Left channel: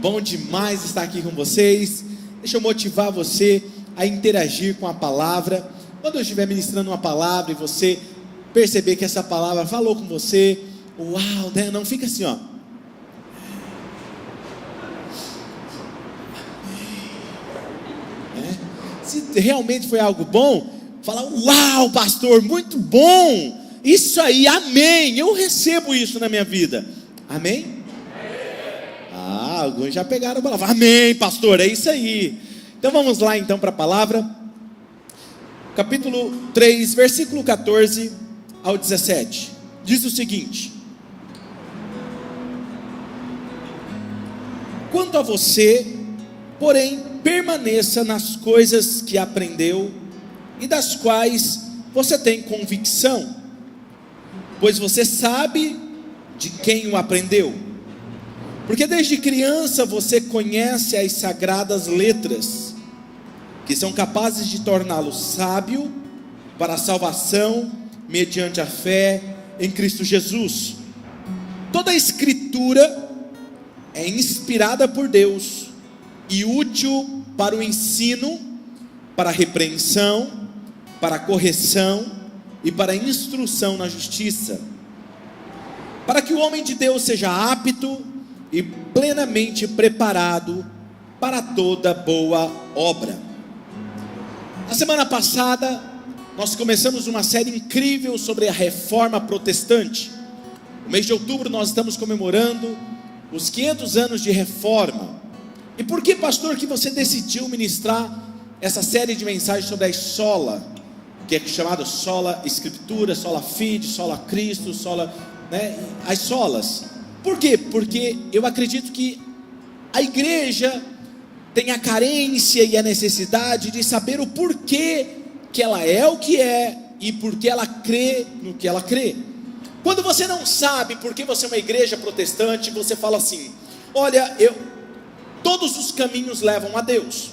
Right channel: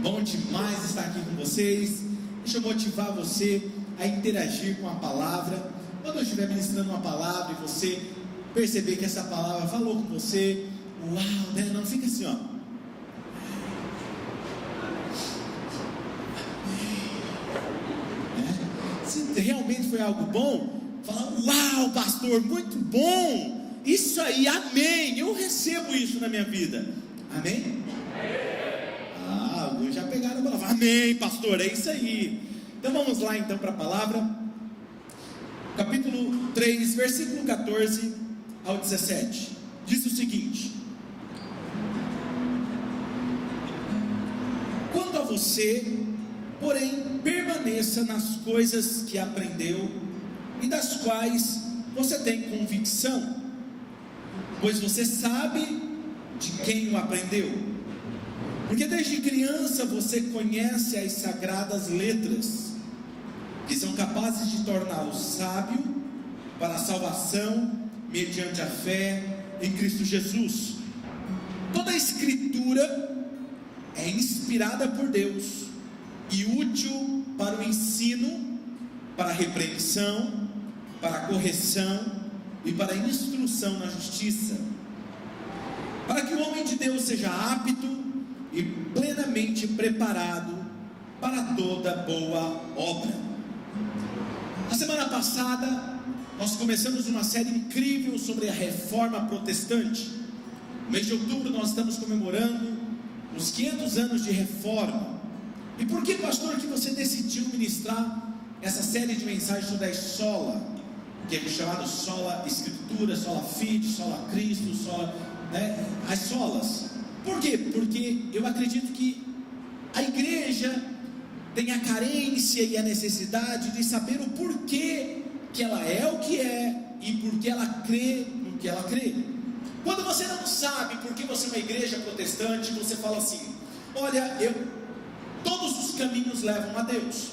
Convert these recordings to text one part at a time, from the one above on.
Bom demais estar aqui com vocês. Deixa eu motivar você a interagir com a palavra. Quando eu estiver ministrando uma palavra e você perceber que essa palavra falou com você, uau, né? Não fica assim, ó. Se realmente foi algo bom, fala, uau, pastor, muito bom. Isso aí, amém. Eu recebo isso na minha vida. Amém? Alguns já pegaram a palavra. Amém, pastor, é isso aí. Então vamos lá então para a palavra. Capítulo 3, versículo 14 ao 17. Diz o seguinte: quanto a você, porém, permaneça nas coisas que aprendeu e das quais você tem convicção, pois você sabe de quem o aprendeu. Porque desde criança você conhece as sagradas letras, que são capazes de torná-lo sábio para a salvação mediante a fé em Cristo Jesus. Toda a escritura é inspirada por Deus e útil para o ensino, para a repreensão, para a correção e para a instrução na justiça, para que o homem de Deus seja apto e plenamente preparado para toda boa obra. Na semana passada nós começamos uma série incrível sobre a reforma protestante. No mês de outubro nós estamos comemorando os 500 anos de reforma. E por que, pastor, que você decidiu ministrar essa série de mensagens sobre a sola, que é chamada sola escritura, sola fide, sola Cristo, sola, né, as solas? Por quê? Porque eu acredito que a igreja tem a carência e a necessidade de saber o porquê que ela é o que é e porque ela crê no que ela crê. Quando você não sabe porque você é uma igreja protestante, você fala assim: olha, todos os caminhos levam a Deus.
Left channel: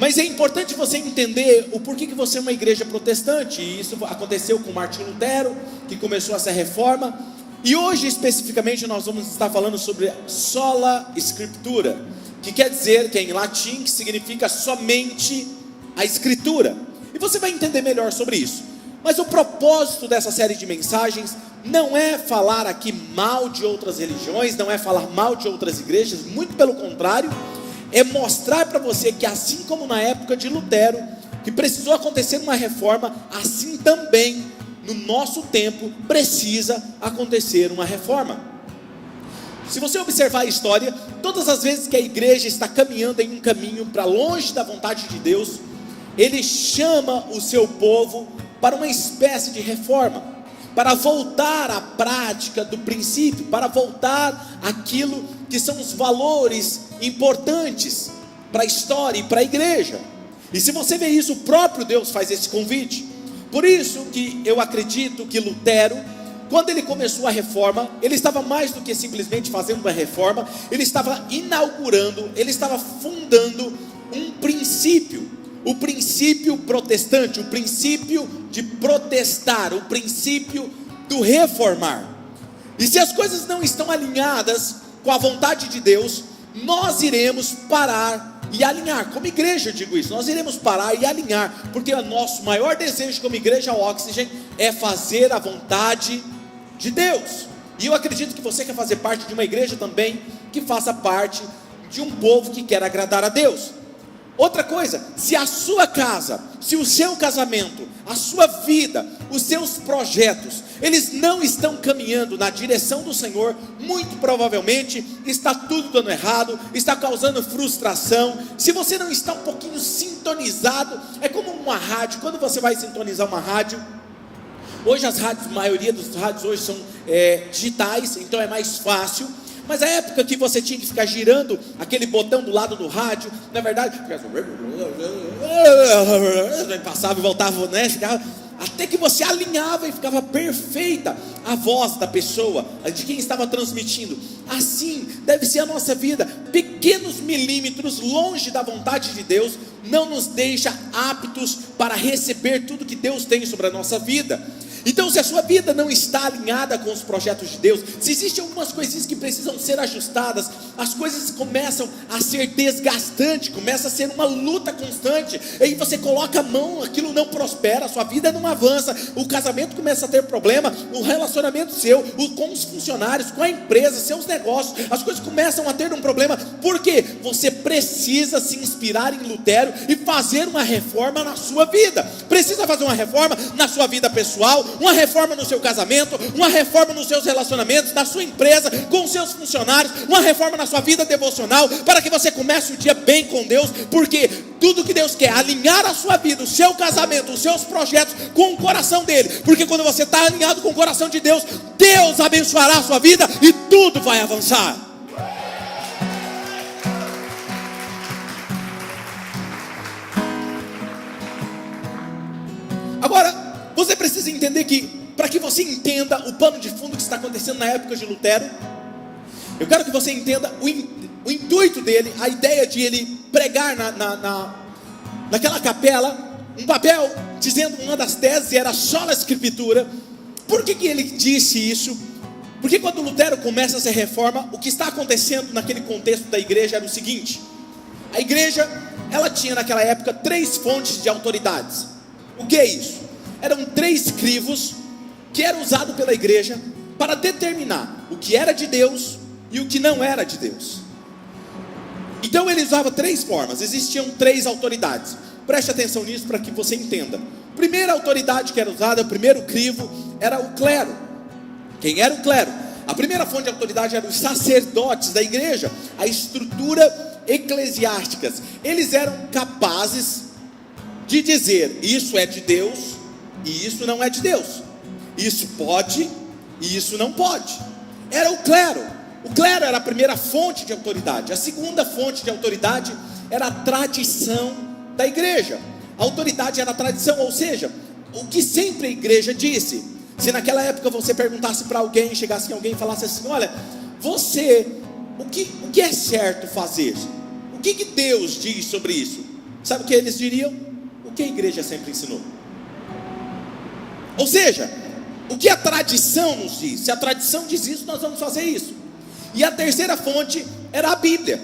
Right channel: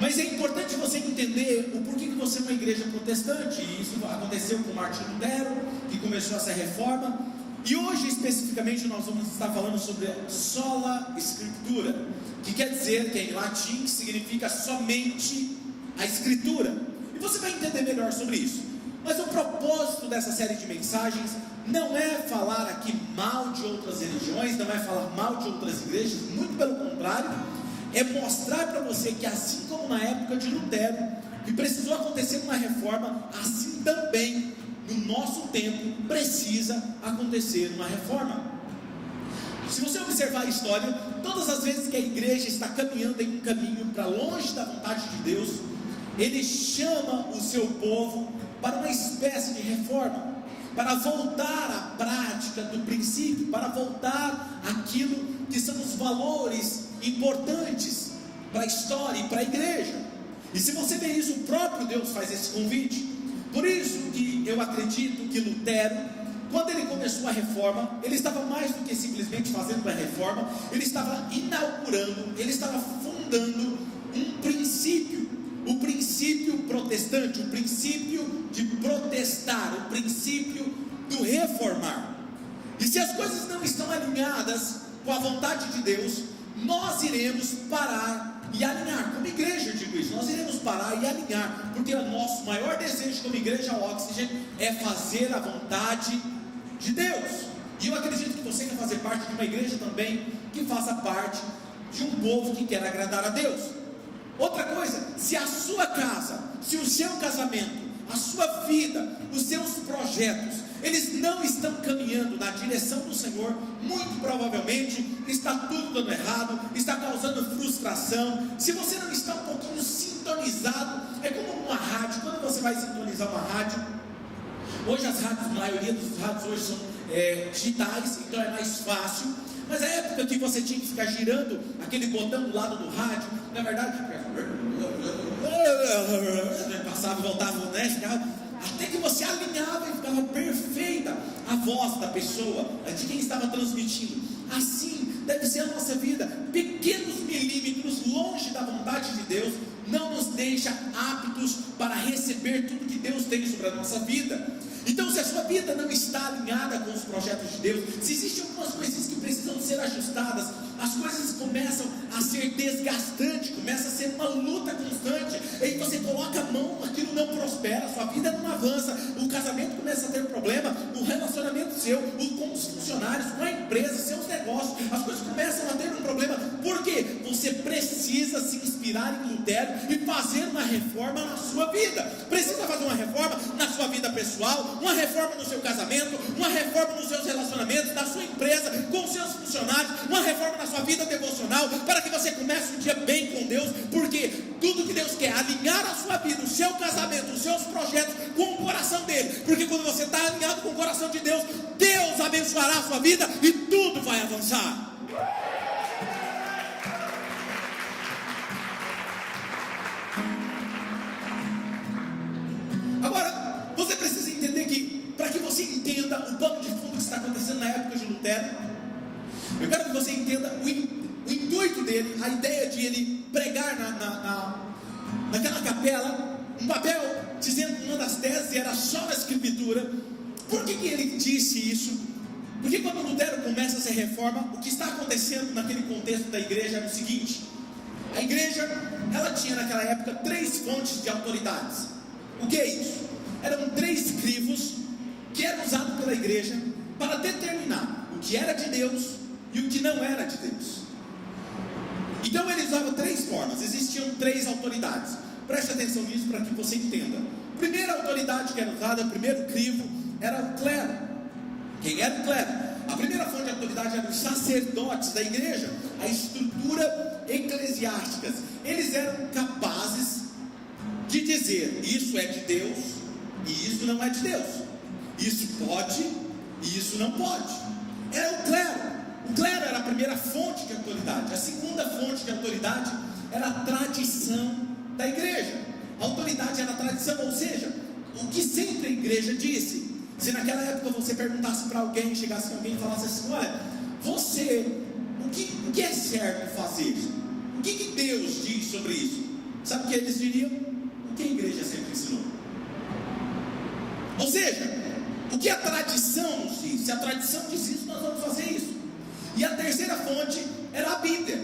Mas é importante você entender o porquê que você é uma igreja protestante. E isso aconteceu com Martinho Lutero, que começou essa reforma. E hoje especificamente nós vamos estar falando sobre sola escritura, que quer dizer, que é em latim, que significa somente a escritura. E você vai entender melhor sobre isso. Mas o propósito dessa série de mensagens não é falar aqui mal de outras religiões, não é falar mal de outras igrejas, muito pelo contrário, é mostrar para você que assim como na época de Lutero, que precisou acontecer uma reforma, assim também no nosso tempo precisa acontecer uma reforma. Se você observar a história, todas as vezes que a igreja está caminhando em um caminho para longe da vontade de Deus, ele chama o seu povo para uma espécie de reforma, para voltar à prática do princípio, para voltar àquilo que são os valores importantes para a história e para a igreja. E se você vê isso, o próprio Deus faz esse convite. Por isso que eu acredito que Lutero, quando ele começou a reforma, ele estava mais do que simplesmente fazendo uma reforma, ele estava inaugurando, ele estava fundando um princípio, o princípio protestante, o princípio de protestar, o princípio do reformar. E se as coisas não estão alinhadas com a vontade de Deus, nós iremos parar e alinhar. Como igreja eu digo isso, nós iremos parar e alinhar, porque o nosso maior desejo como igreja Oxygen é fazer a vontade de Deus. E eu acredito que você quer fazer parte de uma igreja também que faça parte de um povo que quer agradar a Deus. Outra coisa, se a sua casa, se o seu casamento, a sua vida, os seus projetos, eles não estão caminhando na direção do Senhor, muito provavelmente está tudo dando errado, está causando frustração. Se você não está um pouquinho sintonizado, é como uma rádio. Quando você vai sintonizar uma rádio, hoje as rádios, a maioria dos rádios hoje são digitais, então é mais fácil. Mas a época que você tinha que ficar girando aquele botão do lado do rádio, na verdade, passava e voltava, né? Até que você alinhava e ficava perfeita a voz da pessoa, de quem estava transmitindo. Assim deve ser a nossa vida. Pequenos milímetros longe da vontade de Deus não nos deixa aptos para receber tudo que Deus tem sobre a nossa vida. Então, se a sua vida não está alinhada com os projetos de Deus, se existem algumas coisinhas que precisam ser ajustadas, as coisas começam a ser desgastantes, começa a ser uma luta constante, aí você coloca a mão, aquilo não prospera, a sua vida não avança, o casamento começa a ter problema, o relacionamento seu, com os funcionários, com a empresa, seus negócios, as coisas começam a ter um problema. Por quê? Você precisa se inspirar em Lutero e fazer uma reforma na sua vida. Precisa fazer uma reforma na sua vida pessoal, uma reforma no seu casamento, uma reforma nos seus relacionamentos, na sua empresa, com os seus funcionários, uma reforma na sua vida devocional, para que você comece o dia bem com Deus, porque tudo que Deus quer é alinhar a sua vida, o seu casamento, os seus projetos com o coração dele, porque quando você está alinhado com o coração de Deus, Deus abençoará a sua vida e tudo vai avançar. Agora, você precisa entender que, para que você entenda o pano de fundo que está acontecendo na época de Lutero, eu quero que você entenda o intuito dele, a ideia de ele pregar naquela capela, um papel dizendo uma das teses era sola escritura. Por que ele disse isso? Porque quando Lutero começa essa reforma, o que está acontecendo naquele contexto da igreja era o seguinte: a igreja, ela tinha naquela época 3 fontes de autoridades. O que é isso? Eram 3 crivos que eram usados pela igreja para determinar o que era de Deus e o que não era de Deus. Então ele usava 3 formas, existiam 3 autoridades. Preste atenção nisso para que você entenda. A primeira autoridade que era usada, o primeiro crivo, era o clero. Quem era o clero? A primeira fonte de autoridade eram os sacerdotes da igreja, a estrutura eclesiástica. Eles eram capazes de dizer: isso é de Deus e isso não é de Deus, isso pode e isso não pode. Era o clero. O clero era a primeira fonte de autoridade. A segunda fonte de autoridade era a tradição da igreja. A autoridade era a tradição, ou seja, o que sempre a igreja disse. Se naquela época você perguntasse para alguém, chegasse alguém e falasse assim: olha, você, o que é certo fazer? O que Deus diz sobre isso? Sabe o que eles diriam? O que a igreja sempre ensinou. Ou seja, o que a tradição nos diz. Se a tradição diz isso, nós vamos fazer isso. E a terceira fonte era a Bíblia.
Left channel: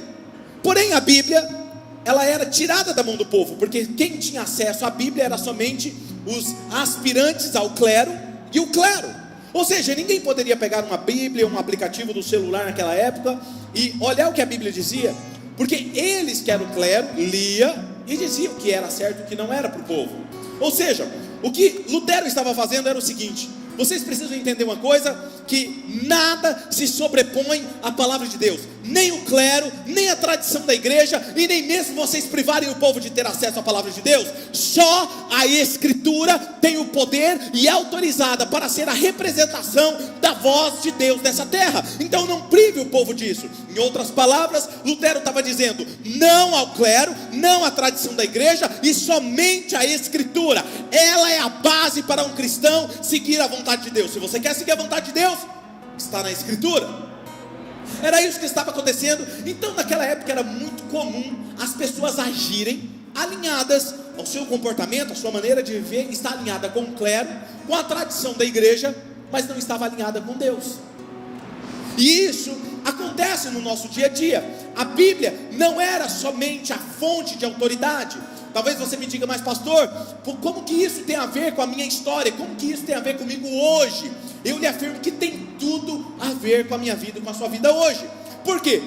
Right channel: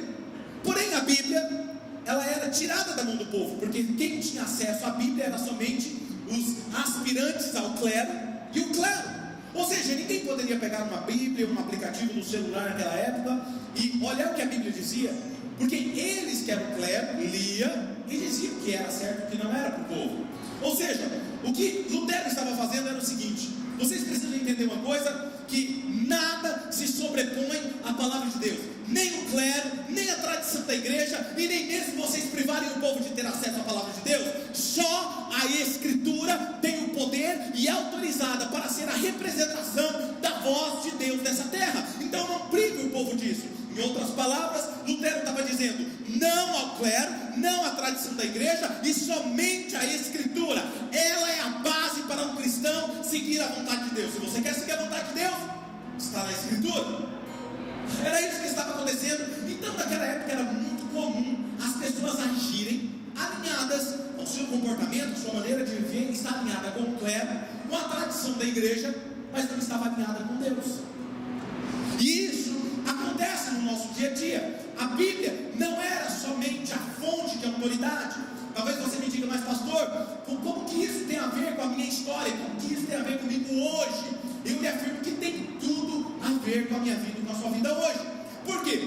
Porém a Bíblia, ela era tirada da mão do povo, porque quem tinha acesso à Bíblia era somente os aspirantes ao clero e o clero. Ou seja, ninguém poderia pegar uma Bíblia, um aplicativo do celular naquela época e olhar o que a Bíblia dizia, porque eles que eram o clero, lia e diziam o que era certo e o que não era para o povo. Ou seja, o que Lutero estava fazendo era o seguinte: vocês precisam entender uma coisa, que nada se sobrepõe à palavra de Deus. Nem o clero, nem a tradição da igreja, e nem mesmo vocês privarem o povo de ter acesso à palavra de Deus. Só a escritura tem o poder e é autorizada para ser a representação da voz de Deus nessa terra. Então não prive o povo disso. Em outras palavras, Lutero estava dizendo não ao clero, não à tradição da igreja, e somente a escritura. Ela é a base para um cristão seguir a vontade de Deus. Se você quer seguir a vontade de Deus, está na escritura. Era isso que estava acontecendo. Então naquela época era muito comum as pessoas agirem alinhadas, o seu comportamento, a sua maneira de viver está alinhada com o clero, com a tradição da igreja, mas não estava alinhada com Deus. E isso acontece no nosso dia a dia. A Bíblia não era somente a fonte de autoridade. Talvez você me diga: mas pastor, como que isso tem a ver com a minha história? Como que isso tem a ver comigo hoje? Eu lhe afirmo que tem tudo a ver com a minha vida e com a sua vida hoje. Por quê?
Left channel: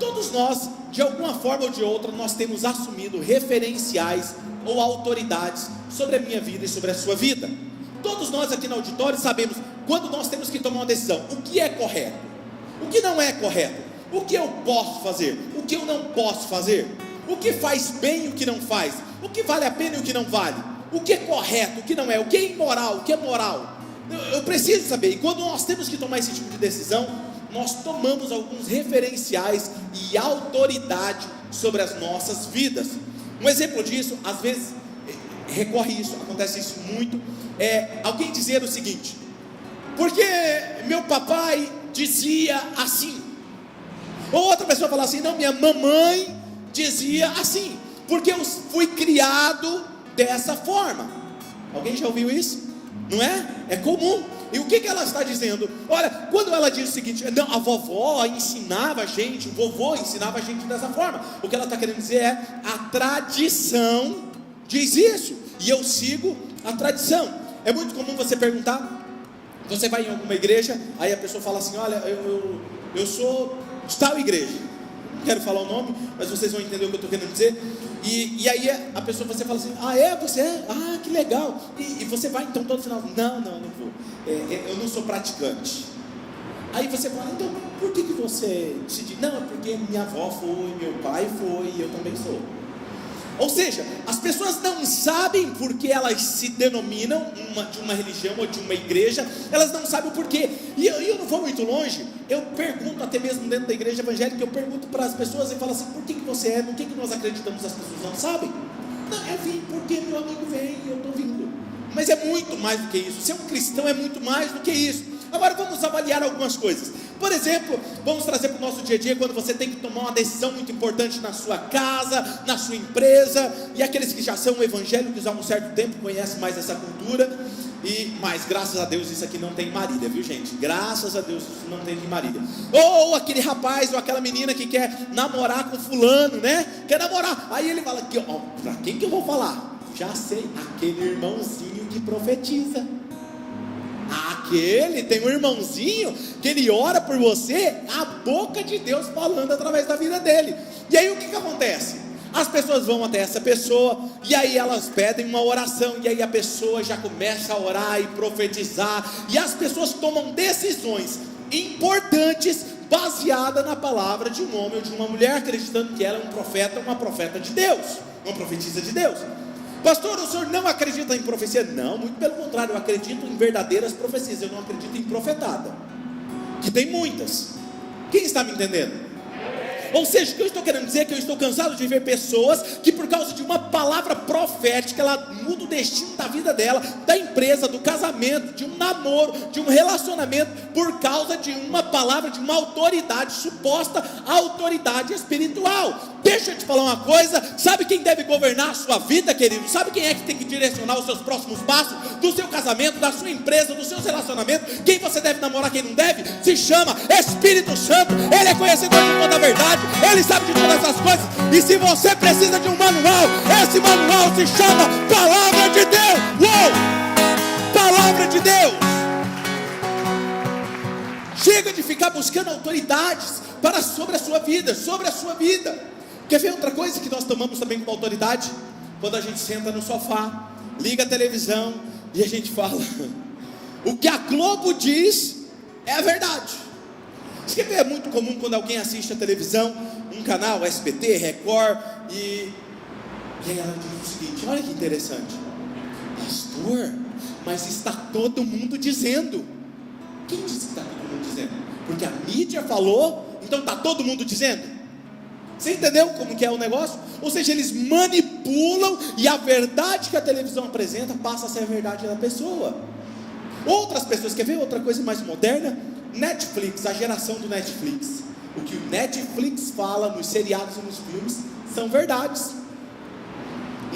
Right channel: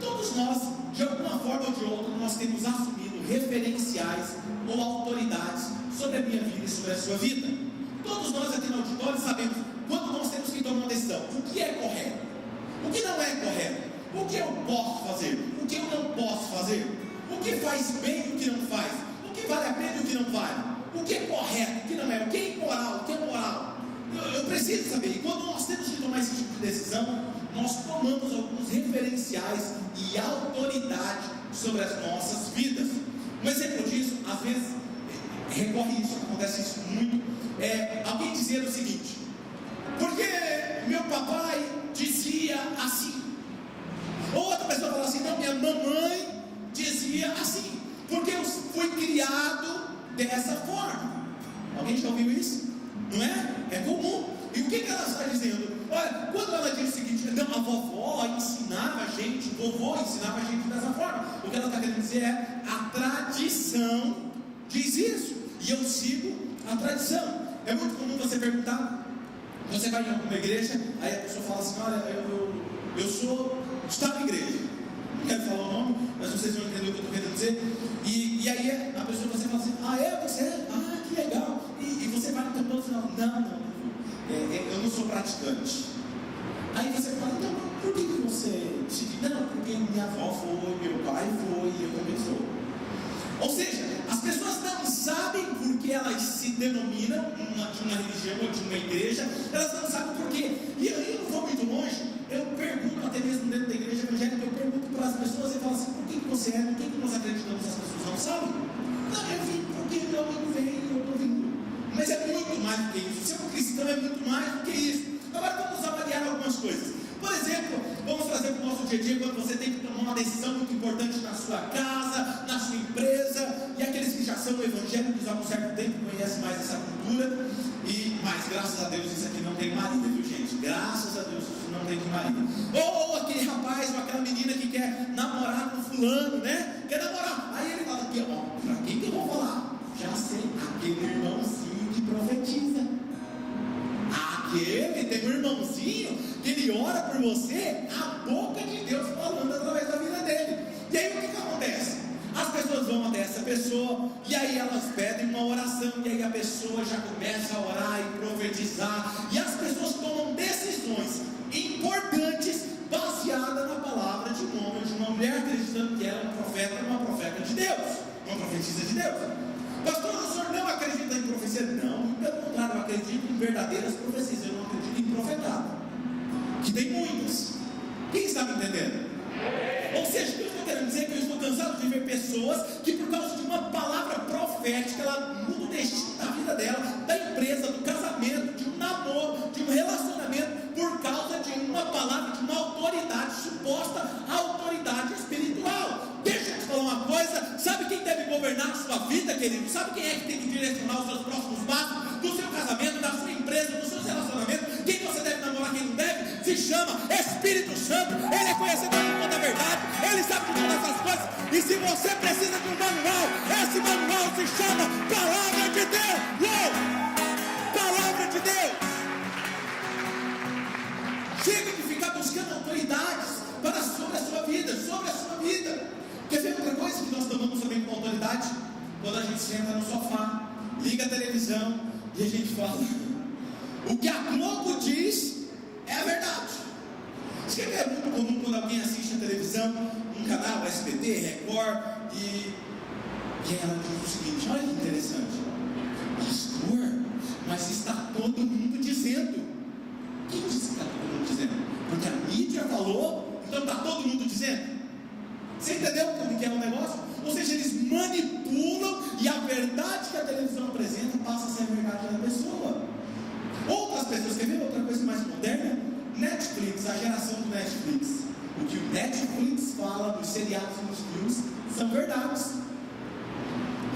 Todos nós, de alguma forma ou de outra, nós temos assumido referenciais ou autoridades sobre a minha vida e sobre a sua vida. Todos nós aqui no auditório sabemos quando nós temos que tomar uma decisão: o que é correto, o que não é correto, o que eu posso fazer, o que eu não posso fazer, o que faz bem e o que não faz, o que vale a pena e o que não vale, o que é correto, o que não é, o que é imoral, o que é moral. Eu preciso saber. E quando nós temos que tomar esse tipo de decisão, nós tomamos alguns referenciais e autoridade sobre as nossas vidas. Um exemplo disso, às vezes recorre isso, acontece isso muito, é alguém dizer o seguinte: porque meu papai dizia assim. Ou outra pessoa fala assim: não, minha mamãe dizia assim, porque eu fui criado dessa forma. Alguém já ouviu isso? Não é? É comum. E o que ela está dizendo? Olha, quando ela diz o seguinte: não, a vovó ensinava a gente, o vovô ensinava a gente dessa forma, o que ela está querendo dizer é: a tradição diz isso, e eu sigo a tradição. É muito comum você perguntar, você vai em alguma igreja, aí a pessoa fala assim: olha, eu sou de tal igreja, não quero falar o nome, mas vocês vão entender o que eu estou querendo dizer. E aí a pessoa, você fala assim: ah, você é? Ah, que legal. E você vai então todo final: não vou. Eu não sou praticante. Aí você fala: então por que você decidiu? Não, porque minha avó foi, meu pai foi, e eu também sou. Ou seja, as pessoas não sabem porque elas se denominam de uma religião ou de uma igreja, elas não sabem o porquê. E eu não vou muito longe, eu pergunto até mesmo dentro da igreja evangélica, eu pergunto para as pessoas e falo assim: por que você é? Por que nós acreditamos? As pessoas não sabem. Não, eu vim porque meu amigo vem, eu estou vindo. Mas é muito mais do que isso. Ser um cristão é muito mais do que isso. Agora vamos avaliar algumas coisas. Por exemplo, vamos trazer para o nosso dia a dia, quando você tem que tomar uma decisão muito importante na sua casa, na sua empresa, e aqueles que já são evangélicos há um certo tempo conhecem mais essa cultura, mas graças a Deus isso aqui não tem marido, viu gente? Graças a Deus isso não tem marido. Ou aquele rapaz ou aquela menina que quer namorar com fulano, né? Quer namorar, aí ele fala aqui: ó, para quem que eu vou falar? Já sei, aquele irmãozinho que profetiza. Aquele tem um irmãozinho que ele ora por você, a boca de Deus falando através da vida dele. E aí o que acontece? As pessoas vão até essa pessoa, e aí elas pedem uma oração, e aí a pessoa já começa a orar e profetizar, e as pessoas tomam decisões importantes baseadas na palavra de um homem ou de uma mulher, acreditando que ela é um profeta, uma profeta de Deus, uma profetisa de Deus. Pastor, o senhor não acredita em profecia? Não, muito pelo contrário, eu acredito em verdadeiras profecias, eu não acredito em profetada, que tem muitas. Quem está me entendendo? Ou seja, o que eu estou querendo dizer é que eu estou cansado de ver pessoas que, por causa de uma palavra profética, ela muda o destino da vida dela, da empresa, do casamento, de um namoro, de um relacionamento, por causa de uma palavra, de uma autoridade, suposta autoridade espiritual. Deixa eu te falar uma coisa: sabe quem deve governar a sua vida, querido? Sabe quem é que tem que direcionar os seus próximos passos? Do seu casamento, da sua empresa, dos seus relacionamentos. Quem você deve namorar, quem não deve? Se chama Espírito Santo. Ele é conhecedor de toda a verdade, ele sabe de todas essas coisas. E se você precisa de um manual, esse manual se chama Palavra de Deus. Uou! Palavra de Deus. Chega de ficar buscando autoridades sobre a sua vida, sobre a sua vida. Quer ver outra coisa que nós tomamos também como autoridade? Quando a gente senta no sofá, liga a televisão e a gente fala: o que a Globo diz é a verdade. Isso que é muito comum quando alguém assiste a televisão, um canal, SBT, Record, e ela diz o seguinte: olha que interessante, pastor, mas está todo mundo dizendo. Quem disse que está todo mundo dizendo? Porque a mídia falou, então está todo mundo dizendo. Você entendeu como que é o negócio? Ou seja, eles manipulam, e a verdade que a televisão apresenta passa a ser a verdade da pessoa. Outras pessoas, quer ver outra coisa mais moderna? Netflix, a geração do Netflix. O que o Netflix fala nos seriados e nos filmes são verdades.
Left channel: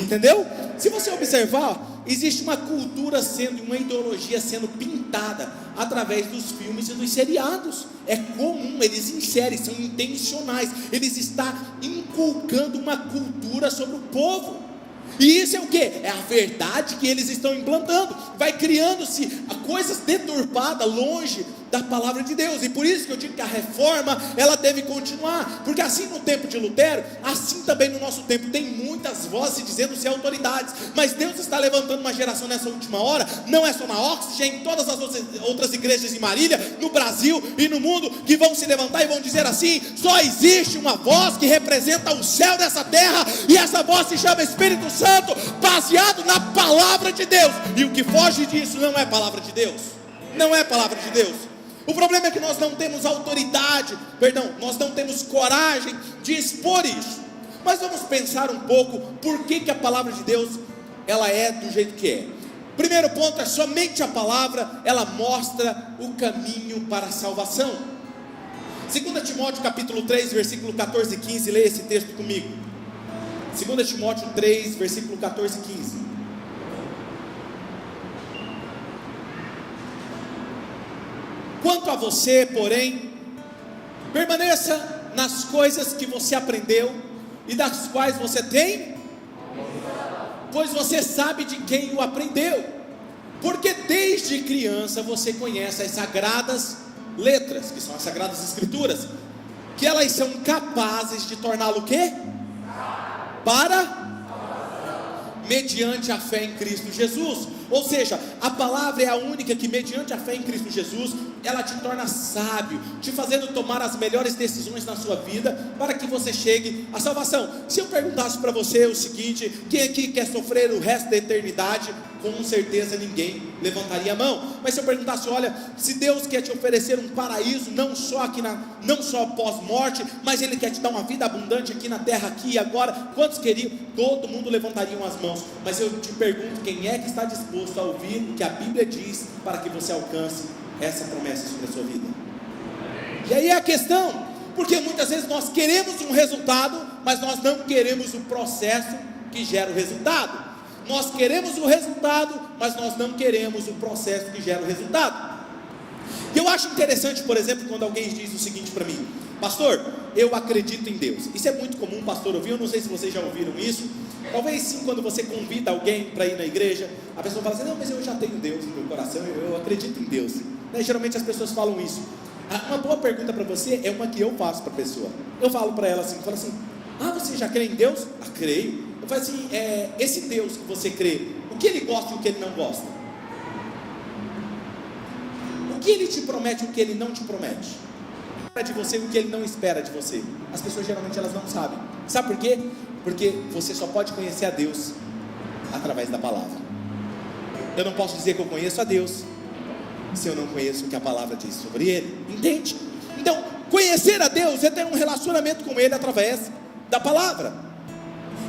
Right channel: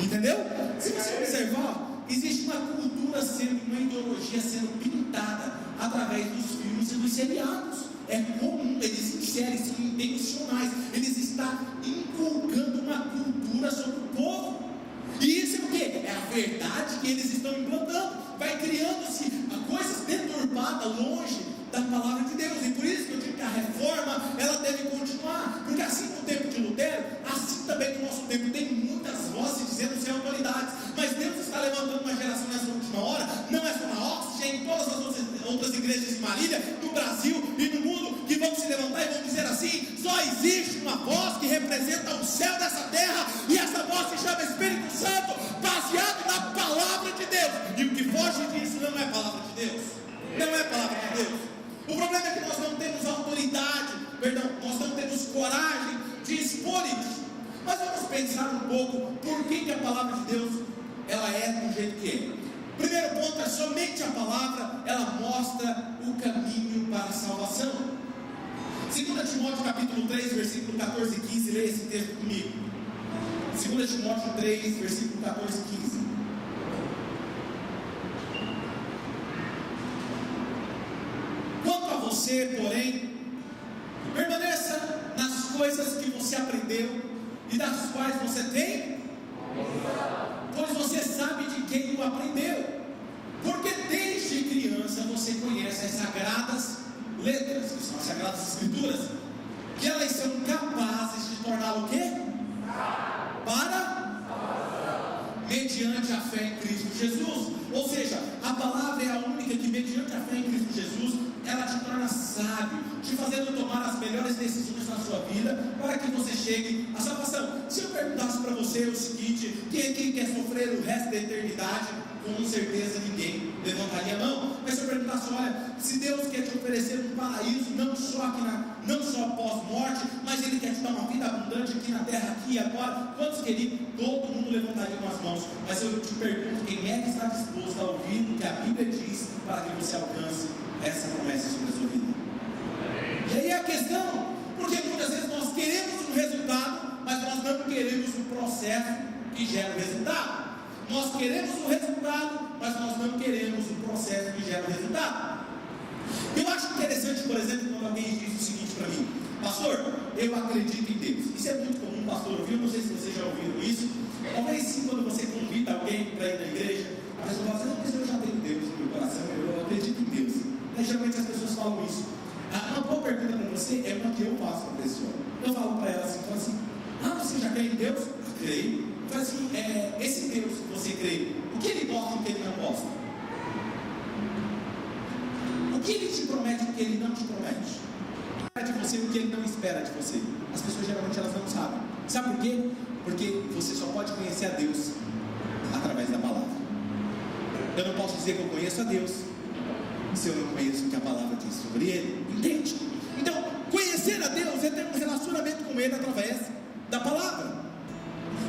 Entendeu? Se você observar, existe uma cultura uma ideologia sendo pintada através dos filmes e dos seriados. É comum, eles inserem, são intencionais. Eles estão inculcando uma cultura sobre o povo. E isso é o que? É a verdade que eles estão implantando. Vai criando-se coisas deturpadas longe da palavra de Deus. E por isso que eu digo que a reforma, ela deve continuar. Porque assim no tempo de Lutero, assim também no nosso tempo, tem muitas vozes dizendo ser autoridades. Mas Deus está levantando uma geração nessa última hora. Não é só na Oxford, em todas as outras igrejas de Marília, no Brasil e no mundo, que vão se levantar e vão dizer assim: só existe uma voz que representa o céu dessa terra, e essa voz se chama Espírito Santo, baseado na palavra de Deus. E o que foge disso não é palavra de Deus. Não é palavra de Deus. O problema é que nós não temos nós não temos coragem de expor isso. Mas vamos pensar um pouco por que a palavra de Deus ela é do jeito que é. Primeiro ponto é: somente a palavra ela mostra o caminho para a salvação. 2 Timóteo capítulo 3, versículo 14 e 15, leia esse texto comigo. 2 Timóteo 3, versículo 14 e 15. você, porém, permaneça nas coisas que você aprendeu e das quais você tem, pois você sabe de quem o aprendeu, porque desde criança você conhece as sagradas letras, que são as sagradas escrituras, que elas são capazes de torná-lo o quê? Mediante a fé em Cristo Jesus. Ou seja, a palavra é a única que, mediante a fé em Cristo Jesus, ela te torna sábio, te fazendo tomar as melhores decisões na sua vida, para que você chegue à salvação. Se eu perguntasse para você o seguinte: quem aqui quer sofrer o resto da eternidade? Com certeza ninguém levantaria a mão. Mas se eu perguntasse: olha, se Deus quer te oferecer um paraíso, não só pós-morte, mas Ele quer te dar uma vida abundante aqui na terra, aqui e agora, quantos queriam? Todo mundo levantaria as mãos. Mas eu te pergunto: quem é que está disposto a ouvir o que a Bíblia diz, para que você alcance essa promessa sobre a sua vida? E aí é a questão, porque muitas vezes nós queremos um resultado, mas nós não queremos o processo que gera o resultado. Nós queremos o resultado, mas nós não queremos o processo que gera o resultado. Eu acho interessante, por exemplo, quando alguém diz o seguinte para mim: pastor, eu acredito em Deus. Isso é muito comum, pastor, ouvir. Eu não sei se vocês já ouviram isso. Talvez sim, quando você convida alguém para ir na igreja, a pessoa fala assim: não, mas eu já tenho Deus no meu coração, eu acredito em Deus, né? Geralmente as pessoas falam isso. Uma boa pergunta para você é uma que eu faço para a pessoa. Eu falo para ela assim, você já crê em Deus? Creio. Eu falo assim: esse Deus que você crê, o que Ele gosta e o que Ele não gosta? O que Ele te promete e o que Ele não te promete? De você, o que Ele não espera de você? As pessoas geralmente elas não sabem. Sabe por quê? Porque você só pode conhecer a Deus através da palavra. Eu não posso dizer que eu conheço a Deus se eu não conheço o que a palavra diz sobre Ele. Entende? Então, conhecer a Deus é ter um relacionamento com Ele através da palavra.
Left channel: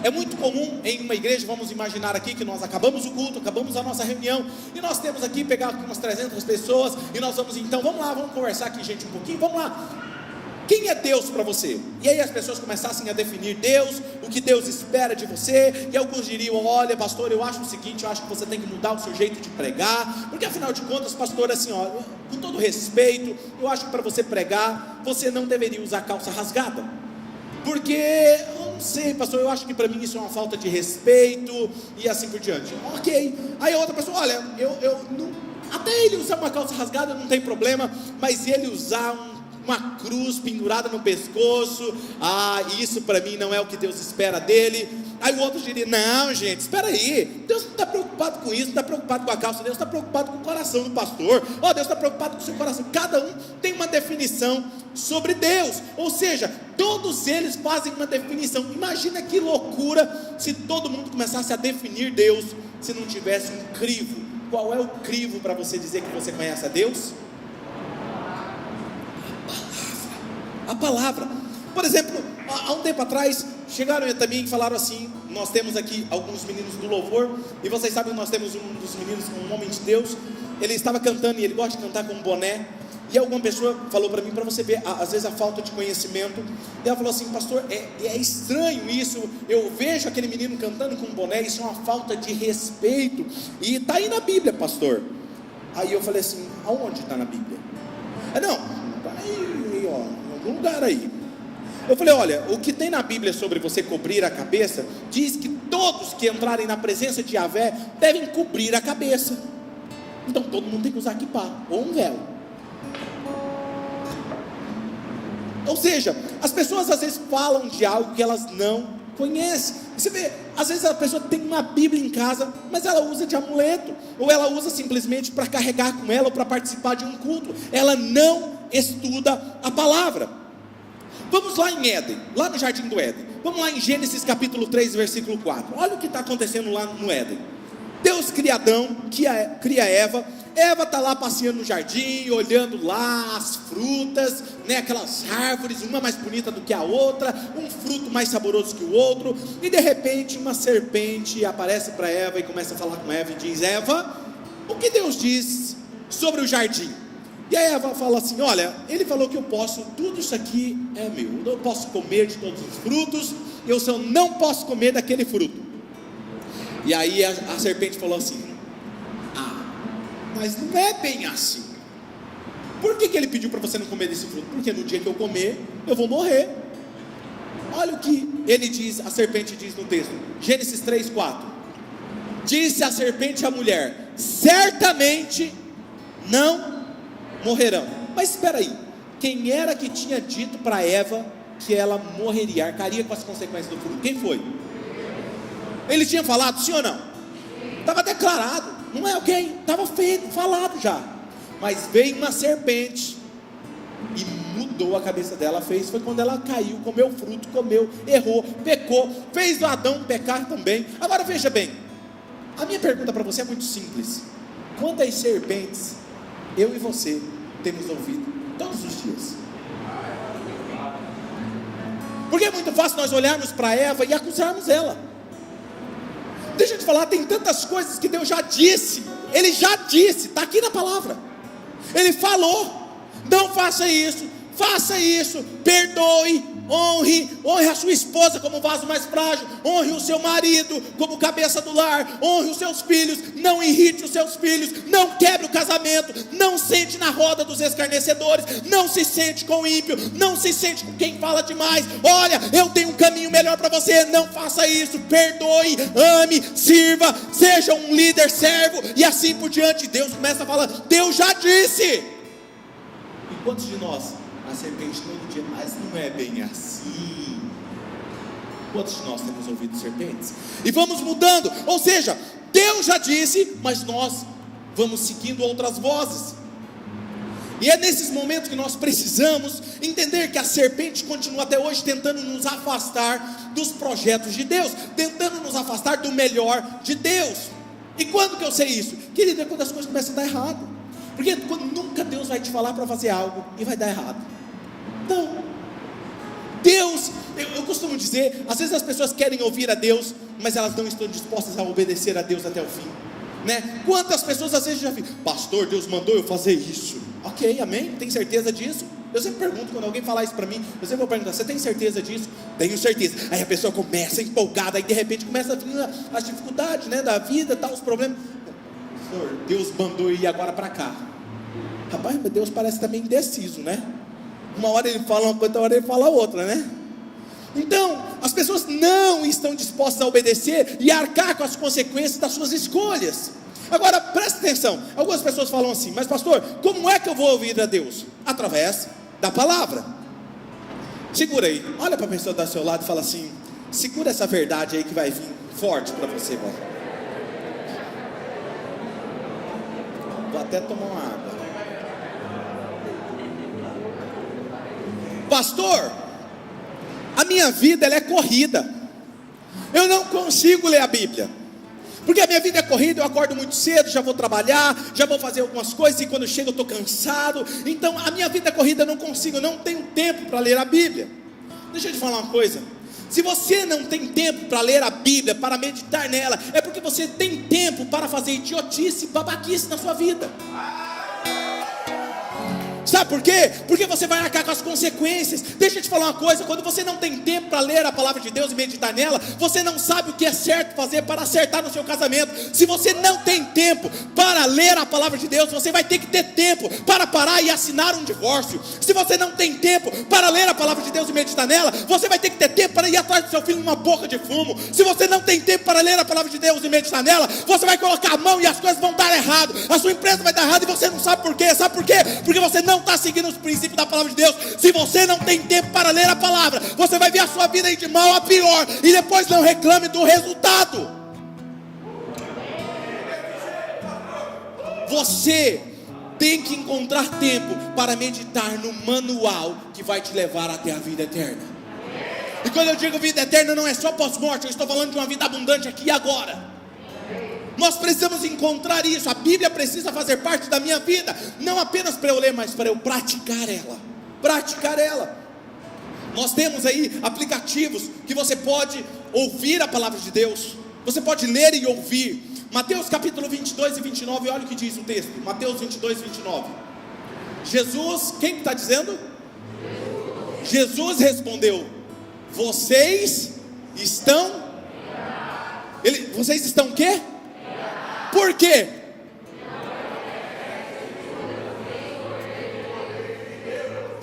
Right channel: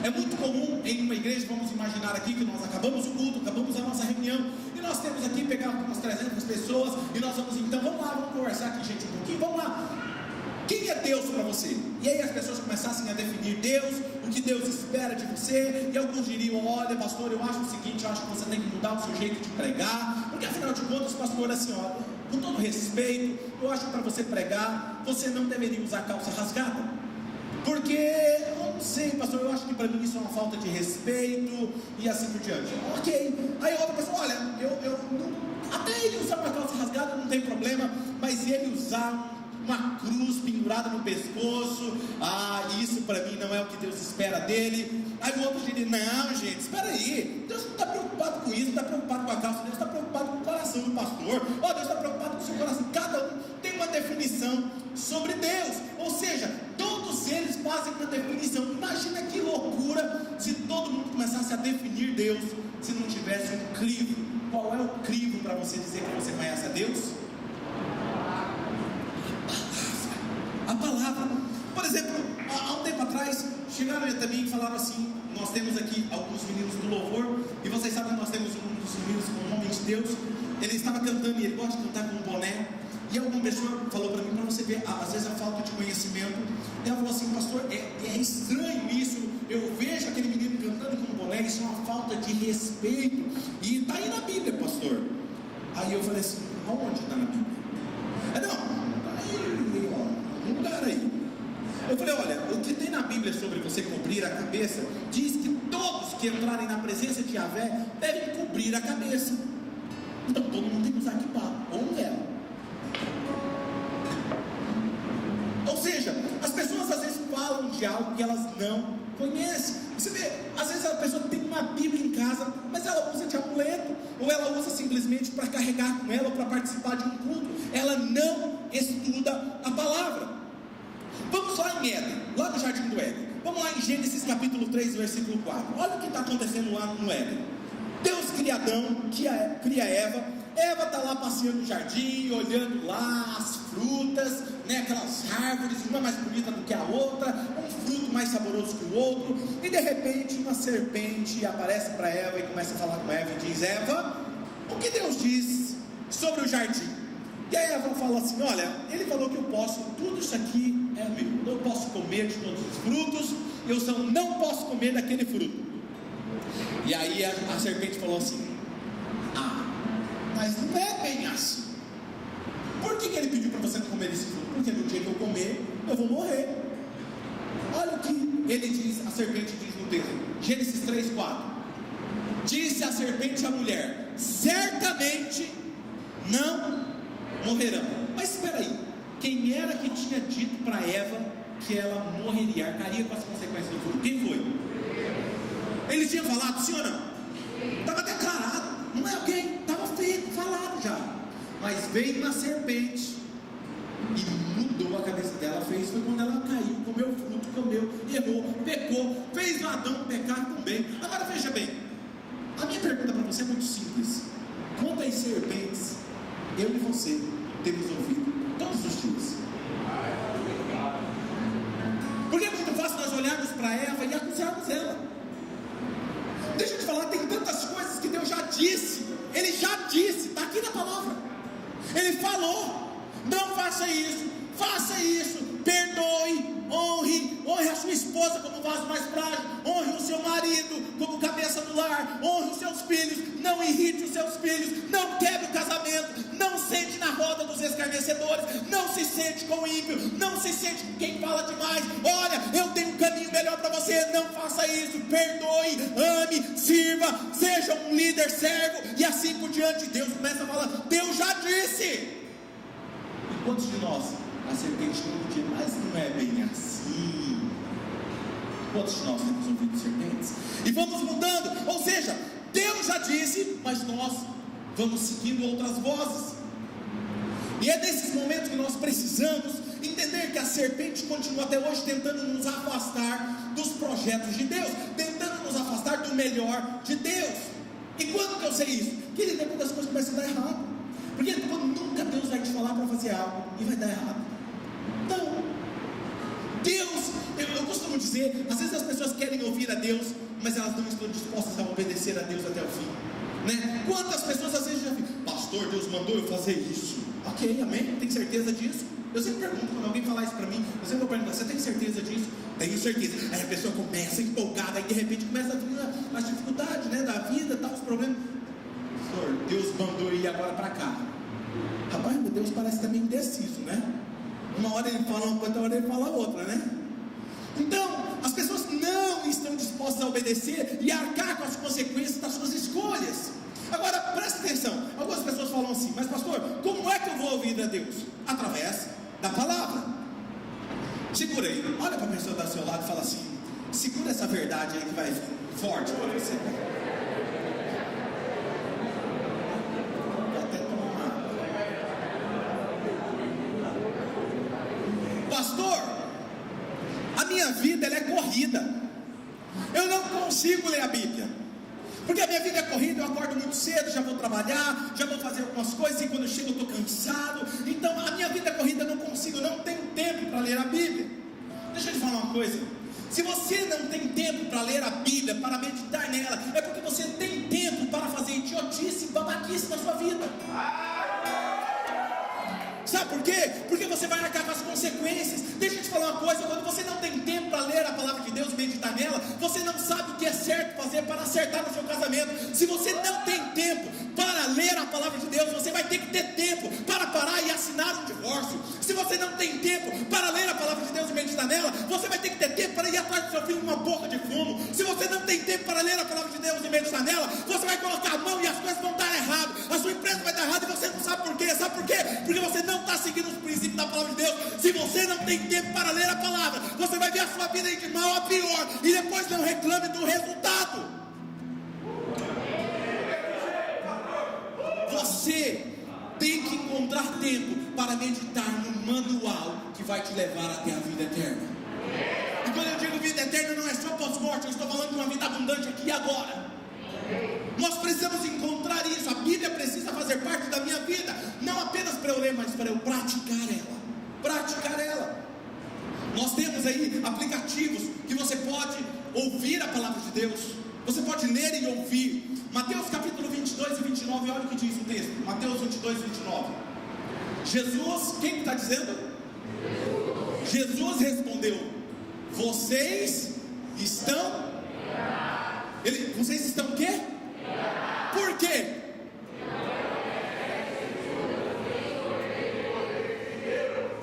É muito comum em uma igreja, vamos imaginar aqui que nós acabamos o culto, acabamos a nossa reunião, e nós temos aqui, pegar umas 300 pessoas, e nós vamos então, vamos lá, vamos conversar aqui, gente, um pouquinho, vamos lá. Quem é Deus para você? E aí as pessoas começassem a definir Deus, o que Deus espera de você, e alguns diriam: olha, pastor, eu acho o seguinte, eu acho que você tem que mudar o seu jeito de pregar, porque afinal de contas, pastor, assim, ó, com todo respeito, eu acho que para você pregar, você não deveria usar calça rasgada, porque, eu não sei, pastor, eu acho que para mim isso é uma falta de respeito, e assim por diante. Ok. Aí a outra pessoa: olha, eu não, até ele usar uma calça rasgada não tem problema, mas ele usar uma cruz pendurada no pescoço, isso para mim não é o que Deus espera dele. Aí o outro diria: não, gente, espera aí, Deus não está preocupado com isso, não está preocupado com a calça, Deus está preocupado com o coração do pastor. Deus está preocupado com o seu coração. Cada um tem uma definição sobre Deus, ou seja, todos eles fazem uma definição. Imagina que loucura se todo mundo começasse a definir Deus, se não tivesse um crivo. Qual é o crivo para você dizer que você conhece a Deus? A palavra. Por exemplo, há um tempo atrás chegaram também e falaram assim: nós temos aqui alguns meninos do louvor, e vocês sabem que nós temos um dos meninos, um homem de Deus. Ele estava cantando, e ele gosta de cantar com um boné, e alguma pessoa falou para mim, para você ver às vezes a falta de conhecimento, e ela falou assim: pastor, é estranho isso, eu vejo aquele menino cantando com um boné, isso é uma falta de respeito, e está aí na Bíblia, pastor. Aí eu falei assim: aonde está na Bíblia? Não, está aí, ó, lugar aí. Eu falei: olha, o que tem na Bíblia sobre você cobrir a cabeça, diz que todos que entrarem na presença de Yahvé devem cobrir a cabeça. Então todo mundo tem que usar kippá, ou um véu. Ou seja, as pessoas às vezes falam de algo que elas não conhecem. Você vê, às vezes a pessoa tem uma Bíblia em casa, mas ela usa de amuleto, ou ela usa simplesmente para carregar com ela, ou para participar de um culto. Ela não estuda a palavra. Vamos lá em Éden, lá no Jardim do Éden. Vamos lá em Gênesis capítulo 3, versículo 4. Olha o que está acontecendo lá no Éden. Deus cria Adão, cria Eva. Eva está lá passeando no jardim, olhando lá as frutas, né, aquelas árvores, uma mais bonita do que a outra, um fruto mais saboroso que o outro, e de repente uma serpente aparece para Eva e começa a falar com Eva e diz: Eva, o que Deus diz sobre o jardim? E a Eva fala assim: olha, ele falou que eu posso, tudo isso aqui é meu, eu posso comer de todos os frutos, eu só não posso comer daquele fruto. E aí a serpente falou assim: mas não é bem assim. Por que ele pediu para você não comer desse fruto? Porque no dia que eu comer, eu vou morrer. Olha o que ele diz, a serpente diz no texto, Gênesis 3:4. Disse a serpente à mulher: certamente não morrerão. Mas espera aí, quem era que tinha dito para Eva que ela morreria, arcaria com as consequências do fruto? Quem foi? Ele tinha falado, sim ou não? Estava declarado, não é alguém, estava feito, falado já. Mas veio uma serpente e mudou a cabeça dela. Foi quando ela caiu, comeu o fruto, comeu, errou, pecou, fez o Adão pecar também. Agora veja bem, a minha pergunta para você é muito simples: quantas serpentes eu e você temos ouvido todos os dias? Porque é muito fácil nós olharmos para Eva e acusarmos ela. Deixa eu te falar, tem tantas coisas que Deus já disse. Ele já disse, está aqui na palavra. Ele falou: não faça isso, perdoe, honre a sua esposa como vaso mais frágil, honre o seu marido como cabeça do lar, honre os seus filhos, não irrite os seus filhos, não quebre o casamento, não sente na roda dos escarnecedores, não se sente com o ímpio, não se sente com quem fala demais. Olha, eu tenho um caminho melhor para você, não faça isso, perdoe, ame, sirva, seja um líder servo, e assim por diante. Deus começa a falar, Deus já disse. E quantos de nós, a serpente todo dia, mas não é bem assim? Quantos de nós temos ouvido serpentes? E vamos mudando, ou seja, Deus já disse, mas nós vamos seguindo outras vozes. E é nesses momentos que nós precisamos entender que a serpente continua até hoje tentando nos afastar dos projetos de Deus, tentando nos afastar do melhor de Deus. E quando que eu sei isso? Querido, é quando as coisas começam a dar errado. Porque quando nunca Deus vai te falar para fazer algo e vai dar errado. Não. Deus, eu costumo dizer, às vezes as pessoas querem ouvir a Deus, mas elas não estão dispostas a obedecer a Deus até o fim, né? Quantas pessoas às vezes já ficam, pastor, Deus mandou eu fazer isso. Ok, amém? Tem certeza disso? Eu sempre pergunto, quando alguém falar isso para mim, eu sempre vou perguntar, você tem certeza disso? Tenho certeza. Aí a pessoa começa empolgada, aí de repente começa a vir as dificuldades, né, da vida, tal, os problemas. Senhor, Deus mandou ir agora para cá. Rapaz, meu Deus parece também indeciso, né? Uma hora ele fala uma coisa, outra hora ele fala outra, né? Então, as pessoas não estão dispostas a obedecer e a arcar com as consequências das suas escolhas. Agora, presta atenção, algumas pessoas falam assim, mas pastor, como é que eu vou ouvir a Deus? Através da palavra. Segura aí, olha para a pessoa do seu lado e fala assim, segura essa verdade aí que vai vir forte para você, velho. Vou até tomar uma água. Pastor, a minha vida ela é corrida, eu não consigo ler a Bíblia, porque a minha vida é corrida, eu acordo muito cedo, já vou trabalhar, já vou fazer algumas coisas, e quando eu chego eu estou cansado, então a minha vida é corrida, eu não consigo, eu não tenho tempo para ler a Bíblia. Deixa eu te falar uma coisa, se você não tem tempo para ler a Bíblia, para meditar nela, é porque você tem tempo para fazer idiotice, babaquice na sua vida. Sabe por quê? Porque você vai arcar com as consequências. Deixa eu te falar uma coisa, quando você não tem tempo para ler a palavra de Deus e meditar nela, você não sabe o que é certo fazer para acertar no seu casamento. Se você não tem tempo para ler a palavra de Deus, você vai ter que ter tempo para parar e assinar um divórcio. Se você não tem tempo para ler a palavra de Deus e meditar nela, você vai ter que ter tempo para ir atrás do seu filho numa boca de fumo. Se você não tem tempo para ler a palavra de Deus e meditar nela, você vai colocar a mão e as coisas vão dar errado, a sua empresa vai dar errado e você não sabe por quê. Sabe por quê? Porque você não está seguindo os princípios da palavra de Deus. Se você não tem tempo para ler a palavra, você vai ver a sua vida ir de mal a pior, e depois não reclame do resultado. Você tem que encontrar tempo para meditar no manual que vai te levar até a vida eterna. E quando eu digo vida eterna, não é só pós-morte, eu estou falando de uma vida abundante aqui e agora. Nós precisamos encontrar isso. A Bíblia precisa fazer parte da minha vida, não apenas para eu ler, mas para eu praticar ela. Nós temos aí aplicativos que você pode ouvir a palavra de Deus, você pode ler e ouvir. Mateus capítulo 22 e 29, olha o que diz o texto. Mateus 22 e 29. Jesus, quem está dizendo? Jesus respondeu: vocês estão vocês estão o quê? Por quê?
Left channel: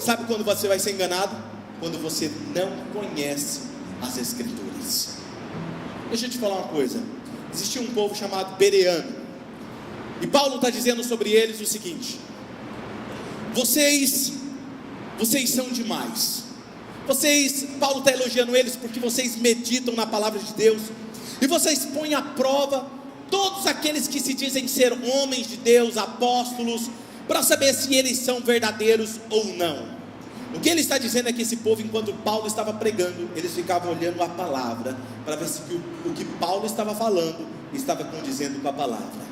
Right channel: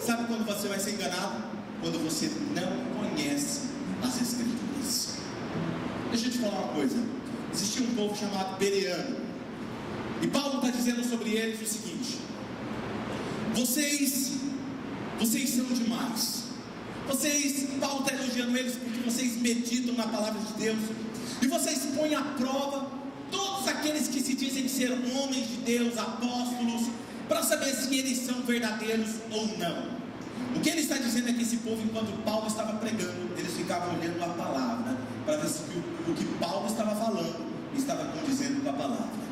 Sabe quando você vai ser enganado? Quando você não conhece as Escrituras. Deixa eu te falar uma coisa. Existia um povo chamado Bereano, e Paulo está dizendo sobre eles o seguinte: vocês são demais. Paulo está elogiando eles porque vocês meditam na palavra de Deus, e vocês põem à prova todos aqueles que se dizem ser homens de Deus, apóstolos, para saber se eles são verdadeiros ou não. O que ele está dizendo é que esse povo, enquanto Paulo estava pregando, eles ficavam olhando a palavra, para ver se o que Paulo estava falando estava condizendo com a palavra.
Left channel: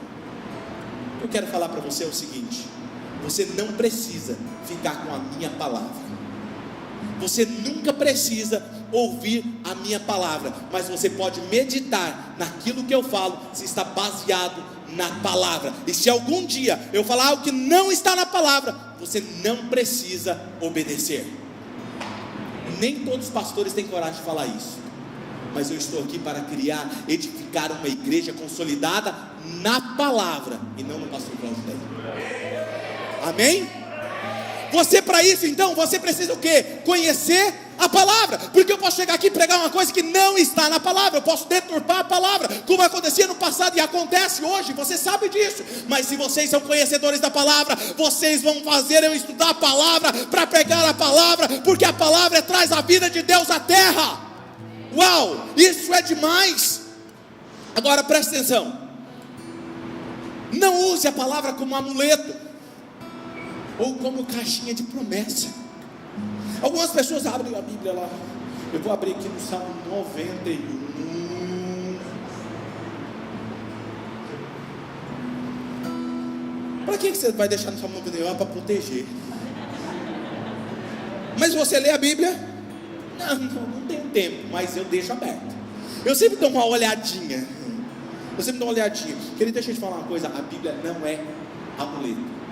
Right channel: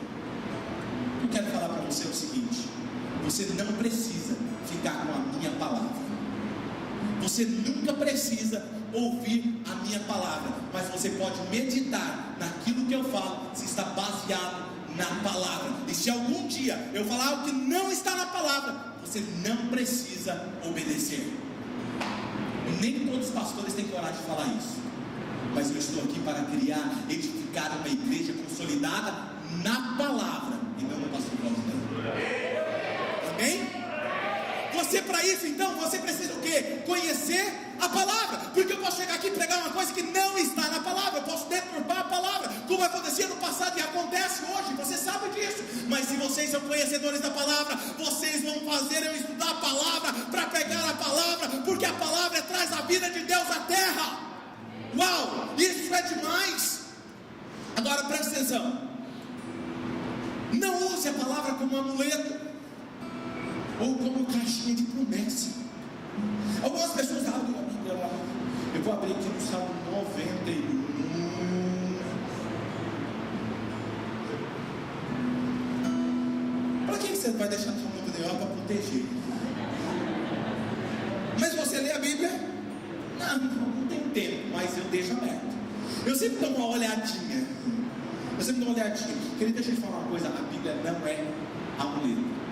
Eu quero falar para você o seguinte: você não precisa ficar com a minha palavra, você nunca precisa ouvir a minha palavra, mas você pode meditar naquilo que eu falo, se está baseado na palavra. E se algum dia eu falar algo que não está na palavra, você não precisa obedecer. Nem todos os pastores têm coragem de falar isso, mas eu estou aqui para edificar uma igreja consolidada na palavra e não no pastor Cláudio. Amém? Você, para isso então, você precisa o quê? Conhecer a palavra, porque eu posso chegar aqui e pregar uma coisa que não está na palavra, eu posso deturpar a palavra, como acontecia no passado e acontece hoje, você sabe disso. Mas se vocês são conhecedores da palavra, vocês vão fazer eu estudar a palavra, para pregar a palavra, porque a palavra traz a vida de Deus à terra. Uau, isso é demais. Agora presta atenção, não use a palavra como amuleto, ou como caixinha de promessa. Algumas pessoas abrem a Bíblia lá. Eu vou abrir aqui no Salmo 91. Para que você vai deixar no Salmo 91? Para proteger. Mas você lê a Bíblia? Não tem tempo, mas eu deixo aberto. Eu sempre dou uma olhadinha. Querido, deixa eu te falar uma coisa: a Bíblia não é amuleto.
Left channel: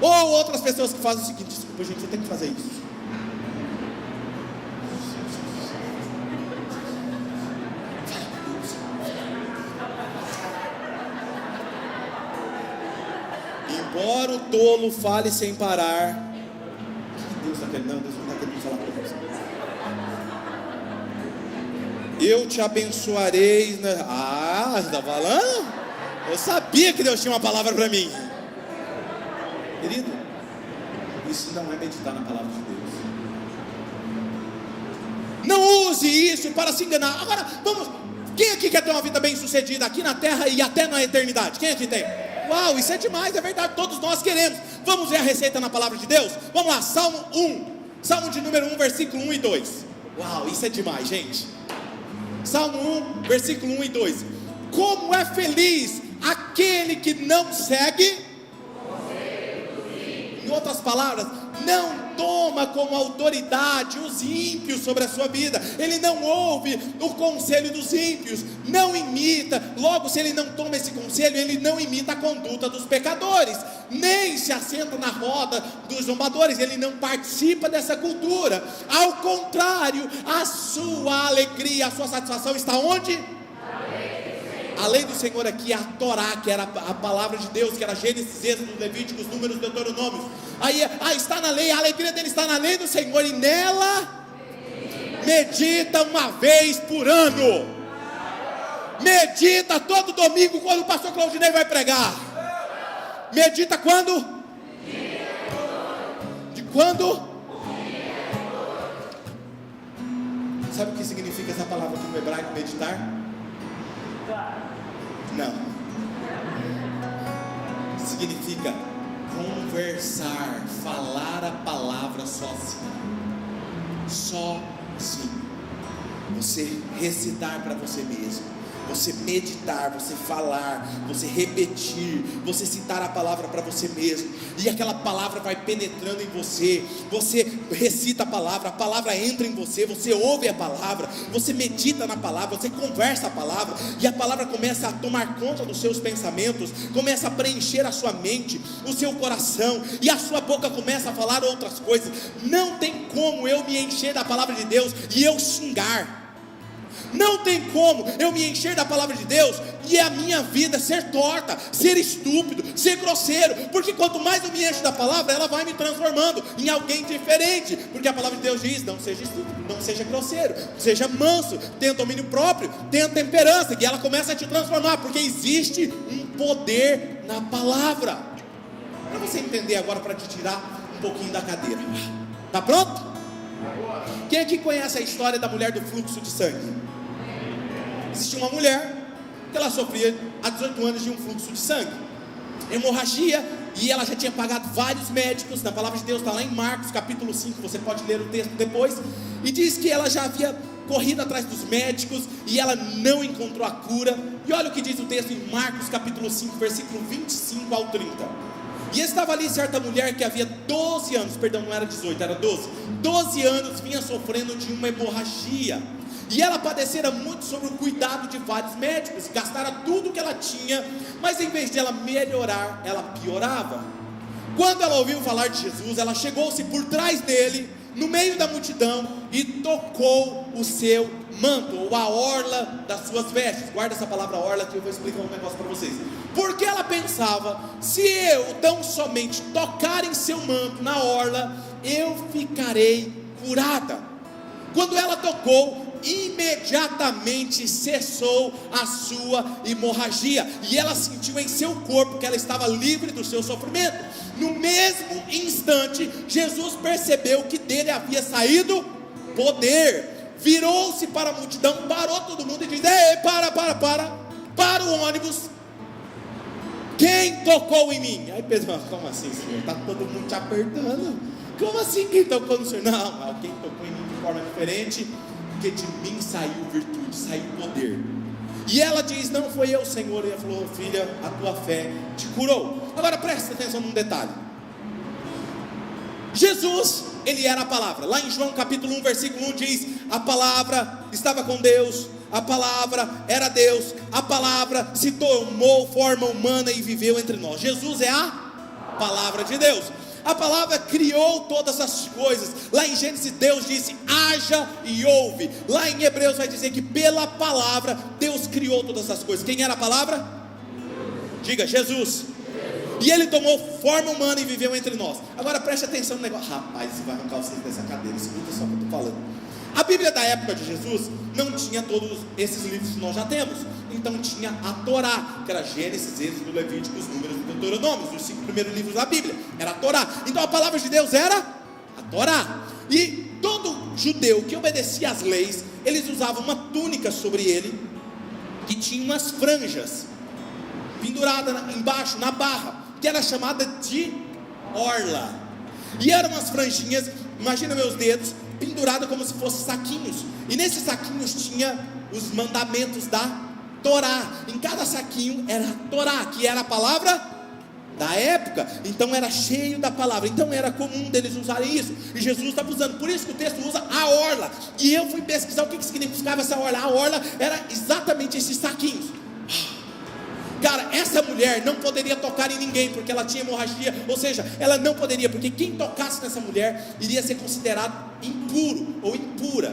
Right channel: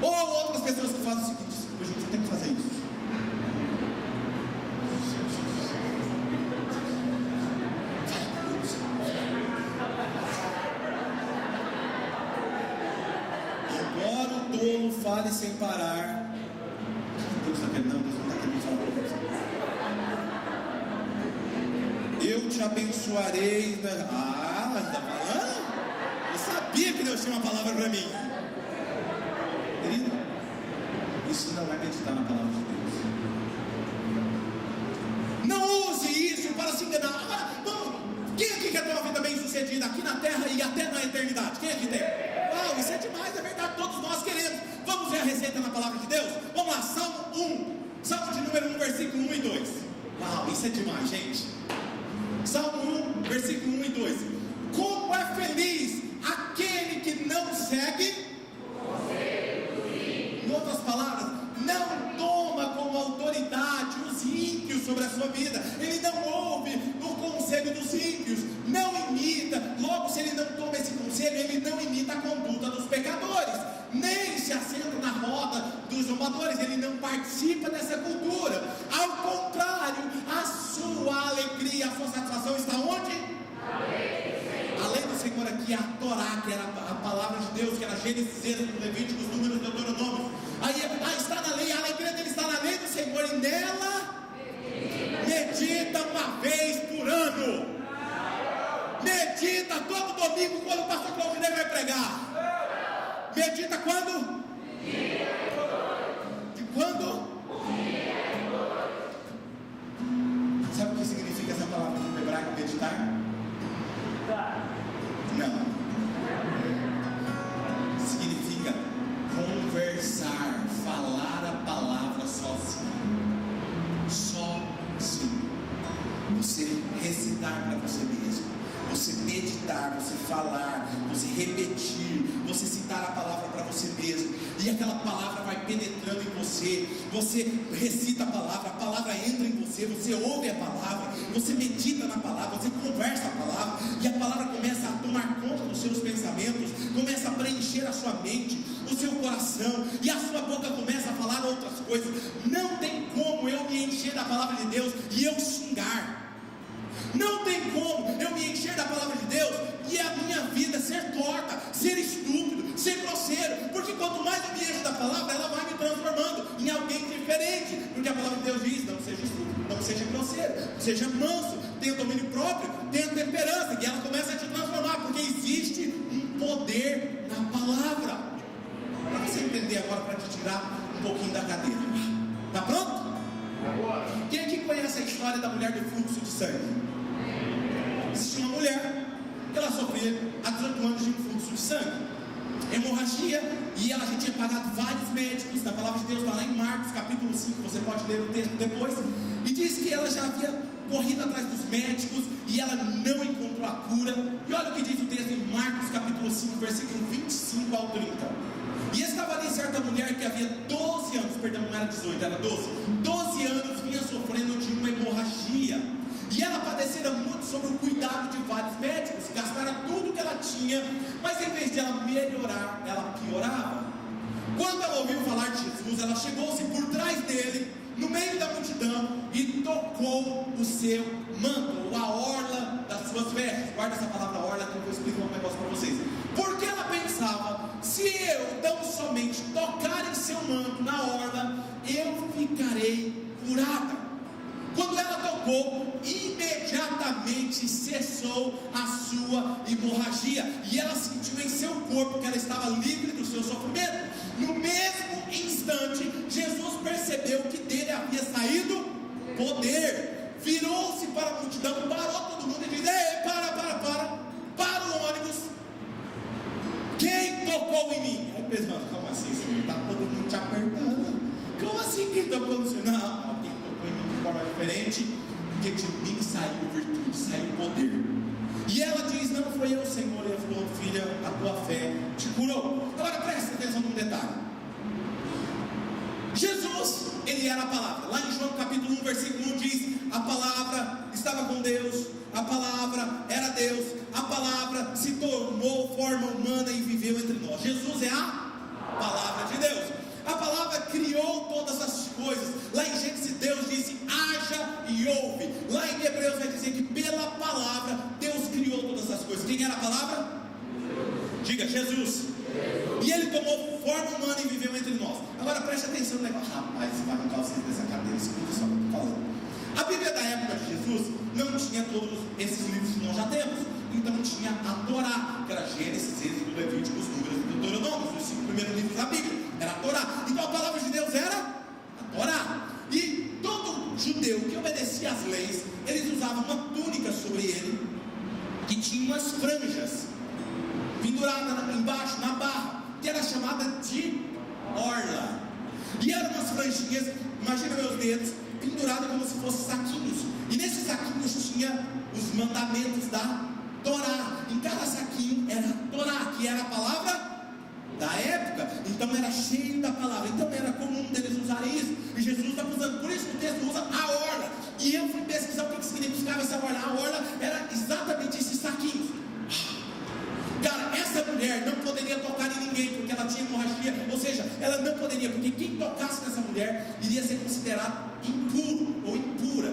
Ou outras pessoas que fazem o seguinte: desculpa, gente, você tem que fazer isso. Embora o tolo fale sem parar. Deus está querendo, Deus não está querendo falar para você. Eu te abençoarei. Ah, está falando? Eu sabia que Deus tinha uma palavra para mim. Querido, isso não é meditar na palavra de Deus. Não use isso para se enganar. Agora, vamos. Quem aqui quer ter uma vida bem sucedida aqui na terra e até na eternidade? Quem aqui tem? Uau, isso é demais, é verdade, todos nós queremos. Vamos ver a receita na palavra de Deus? Vamos lá, Salmo 1, Salmo de número 1, versículo 1 e 2. Uau, isso é demais, gente. Salmo 1, versículo 1 e 2. Como é feliz aquele que não segue. Em outras palavras, não toma como autoridade os ímpios sobre a sua vida. Ele não ouve o conselho dos ímpios, não imita. Logo, se ele não toma esse conselho, ele não imita a conduta dos pecadores, nem se assenta na roda dos zombadores. Ele não participa dessa cultura. Ao contrário, a sua alegria, a sua satisfação está onde? A lei do Senhor aqui é a Torá, que era a palavra de Deus, que era Gênesis, Êxodo, Levíticos, Números, Deuteronômio. Aí está na lei, a alegria dele está na lei do Senhor, e nela medita uma vez por ano. Medita todo domingo quando o pastor Claudinei vai pregar. Medita quando? De quando? Sabe o que significa essa palavra no hebraico, meditar? Não. Significa conversar, falar a palavra sozinho. Sozinho. Você recitar para você mesmo. Você meditar, você falar, você repetir, você citar a palavra para você mesmo, e aquela palavra vai penetrando em você. Você recita a palavra entra em você, você ouve a palavra, você medita na palavra, você conversa a palavra, e a palavra começa a tomar conta dos seus pensamentos, começa a preencher a sua mente, o seu coração, e a sua boca começa a falar outras coisas. Não tem como eu me encher da palavra de Deus e eu xingar. Não tem como eu me encher da palavra de Deus e a minha vida ser torta, ser estúpido, ser grosseiro, porque quanto mais eu me encho da palavra, ela vai me transformando. transformando em alguém diferente, porque a palavra de Deus diz: não seja grosseiro, seja manso, tenha domínio próprio, tenha temperança, que ela começa a te transformar, porque existe um poder na palavra. Para você entender agora, para te tirar um pouquinho da cadeira, tá pronto? Quem aqui conhece a história da mulher do fluxo de sangue? Existia uma mulher que ela sofria há 18 anos de um fluxo de sangue, hemorragia, e ela já tinha pagado vários médicos. Na palavra de Deus está lá em Marcos capítulo 5, você pode ler o texto depois, e diz que ela já havia corrido atrás dos médicos e ela não encontrou a cura. E olha o que diz o texto em Marcos capítulo 5, versículo 25 ao 30. E estava ali certa mulher que havia 12 anos, perdão, não era 18, era 12 anos, vinha sofrendo de uma hemorragia, e ela padecera muito sobre o cuidado de vários médicos, gastara tudo que ela tinha, mas em vez de ela melhorar, ela piorava. Quando ela ouviu falar de Jesus, ela chegou-se por trás dele, no meio da multidão, e tocou o seu manto, ou a orla das suas vestes. Guarda essa palavra orla, que eu vou explicar um negócio para vocês. Porque ela pensava: se eu tão somente tocar em seu manto, na orla, eu ficarei curada. Quando ela tocou, imediatamente cessou a sua hemorragia, e ela sentiu em seu corpo que ela estava livre do seu sofrimento. No mesmo instante, Jesus percebeu que dele havia saído poder, virou-se para a multidão, parou todo mundo e disse: ei, para o ônibus, quem tocou em mim? Aí Pedro falou: como assim, Senhor? Está todo mundo te apertando. Como assim quem tocou no Senhor? Não, quem tocou em mim de forma diferente, porque de mim saiu virtude, saiu poder. E ela diz: não foi eu, Senhor. E ele falou: filha, a tua fé te curou. Agora presta atenção num detalhe. Jesus, ele era a palavra. Lá em João capítulo 1, versículo 1 diz: a palavra estava com Deus, a palavra era Deus, a palavra se tomou forma humana e viveu entre nós. Jesus é a palavra de Deus. A palavra criou todas as coisas. Lá em Gênesis Deus disse: haja e houve. Lá em Hebreus vai dizer que pela palavra Deus criou todas as coisas. Quem era a palavra? Diga: Jesus. E ele tomou forma humana e viveu entre nós. Agora preste atenção no negócio. Rapaz, você vai arrancar vocês dessa cadeira, escuta só o que eu estou falando. A Bíblia da época de Jesus não tinha todos esses livros que nós já temos. Então tinha a Torá, que era Gênesis, Êxodo, Levíticos, Números e Deuteronômio, os 5 primeiros livros da Bíblia, era a Torá. Então a palavra de Deus era a Torá. E todo judeu que obedecia às leis, eles usavam uma túnica sobre ele, que tinha umas franjas pendurada embaixo, na barra, que era chamada de orla. E eram umas franjinhas, imagina meus dedos, pendurado como se fossem saquinhos. E nesses saquinhos tinha os mandamentos da Torá. Em cada saquinho era a Torá, que era a palavra da época. Então era cheio da palavra. Então era comum deles usarem isso. E Jesus está usando. Por isso que o texto usa a orla. E eu fui pesquisar o que significava essa orla. A orla era exatamente esses saquinhos. Cara, essa mulher não poderia tocar em ninguém, porque ela tinha hemorragia. Ou seja, ela não poderia, porque quem tocasse nessa mulher iria ser considerado impuro ou impura.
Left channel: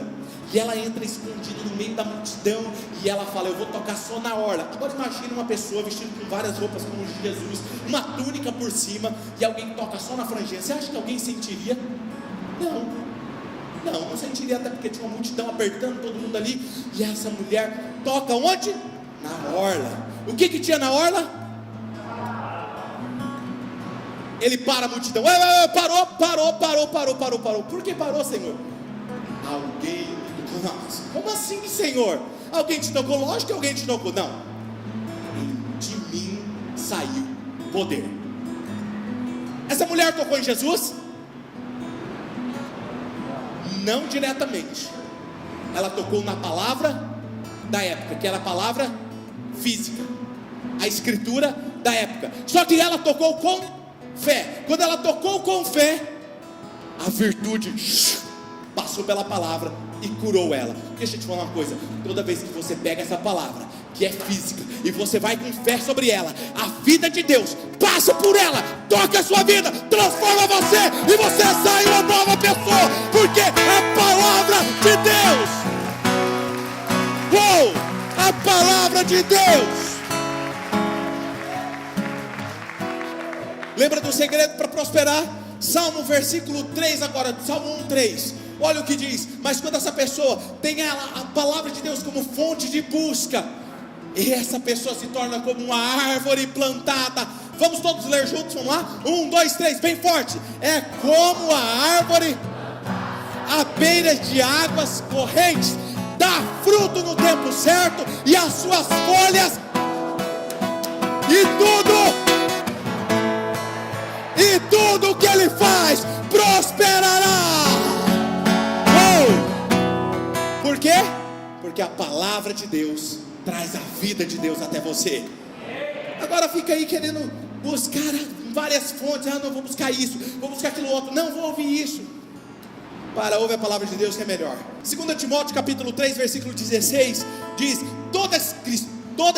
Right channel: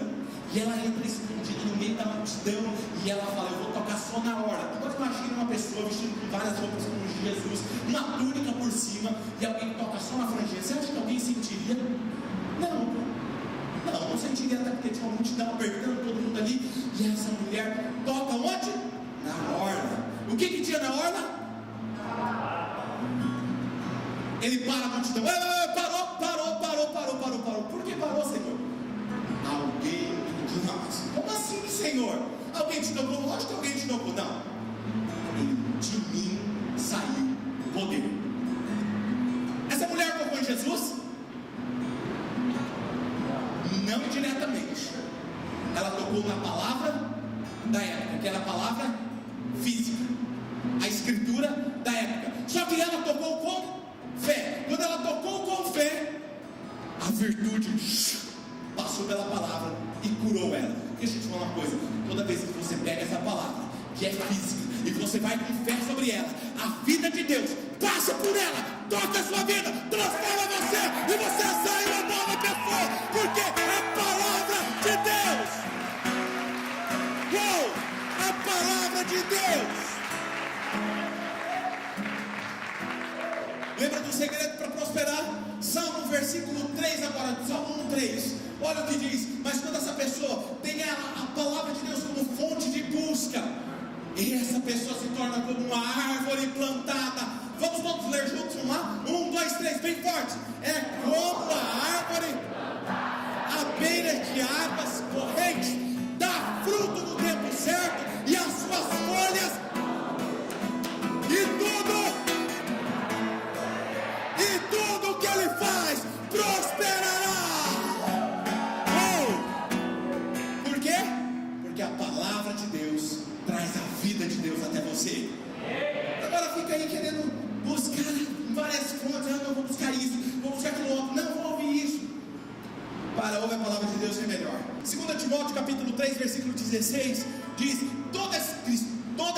E ela entra escondida no meio da multidão, e ela fala: eu vou tocar só na orla. Agora imagine uma pessoa vestida com várias roupas como de Jesus, uma túnica por cima, e alguém toca só na franjinha. Você acha que alguém sentiria? Não sentiria, até porque tinha uma multidão apertando todo mundo ali. E essa mulher toca onde? Na orla. O que tinha na orla? Ele para a multidão. Parou. Por que parou, Senhor? Alguém. Nossa, como assim, Senhor? Alguém te tocou? Lógico que alguém te tocou. Não. De mim saiu o poder. Essa mulher tocou em Jesus? Não diretamente. Ela tocou na palavra da época, que era a palavra física, a escritura da época. Só que ela tocou com fé. Quando ela tocou com fé, a virtude passou pela palavra e curou ela. Deixa eu te falar uma coisa: toda vez que você pega essa palavra, que é física, e você vai com fé sobre ela, a vida de Deus passa por ela, toca a sua vida, transforma você, e você sai uma nova pessoa, porque a palavra de Deus, a palavra de Deus. Lembra do segredo para prosperar? Salmo versículo 3 agora, Salmo 1:3. Olha o que diz: mas quando essa pessoa tem a palavra de Deus como fonte de busca, e essa pessoa se torna como uma árvore plantada. Vamos todos ler juntos, vamos lá? 1, 2, 3, bem forte. É como a árvore à beira de águas correntes, dá fruto no tempo certo, e as suas folhas, e tudo que ele faz prosperará. Por quê? Porque a palavra de Deus traz a vida de Deus até você. Agora fica aí querendo buscar várias fontes. Não, vou buscar isso, vou buscar aquilo outro, não vou ouvir isso. Ouve a palavra de Deus que é melhor. 2 Timóteo capítulo 3 versículo 16 diz: toda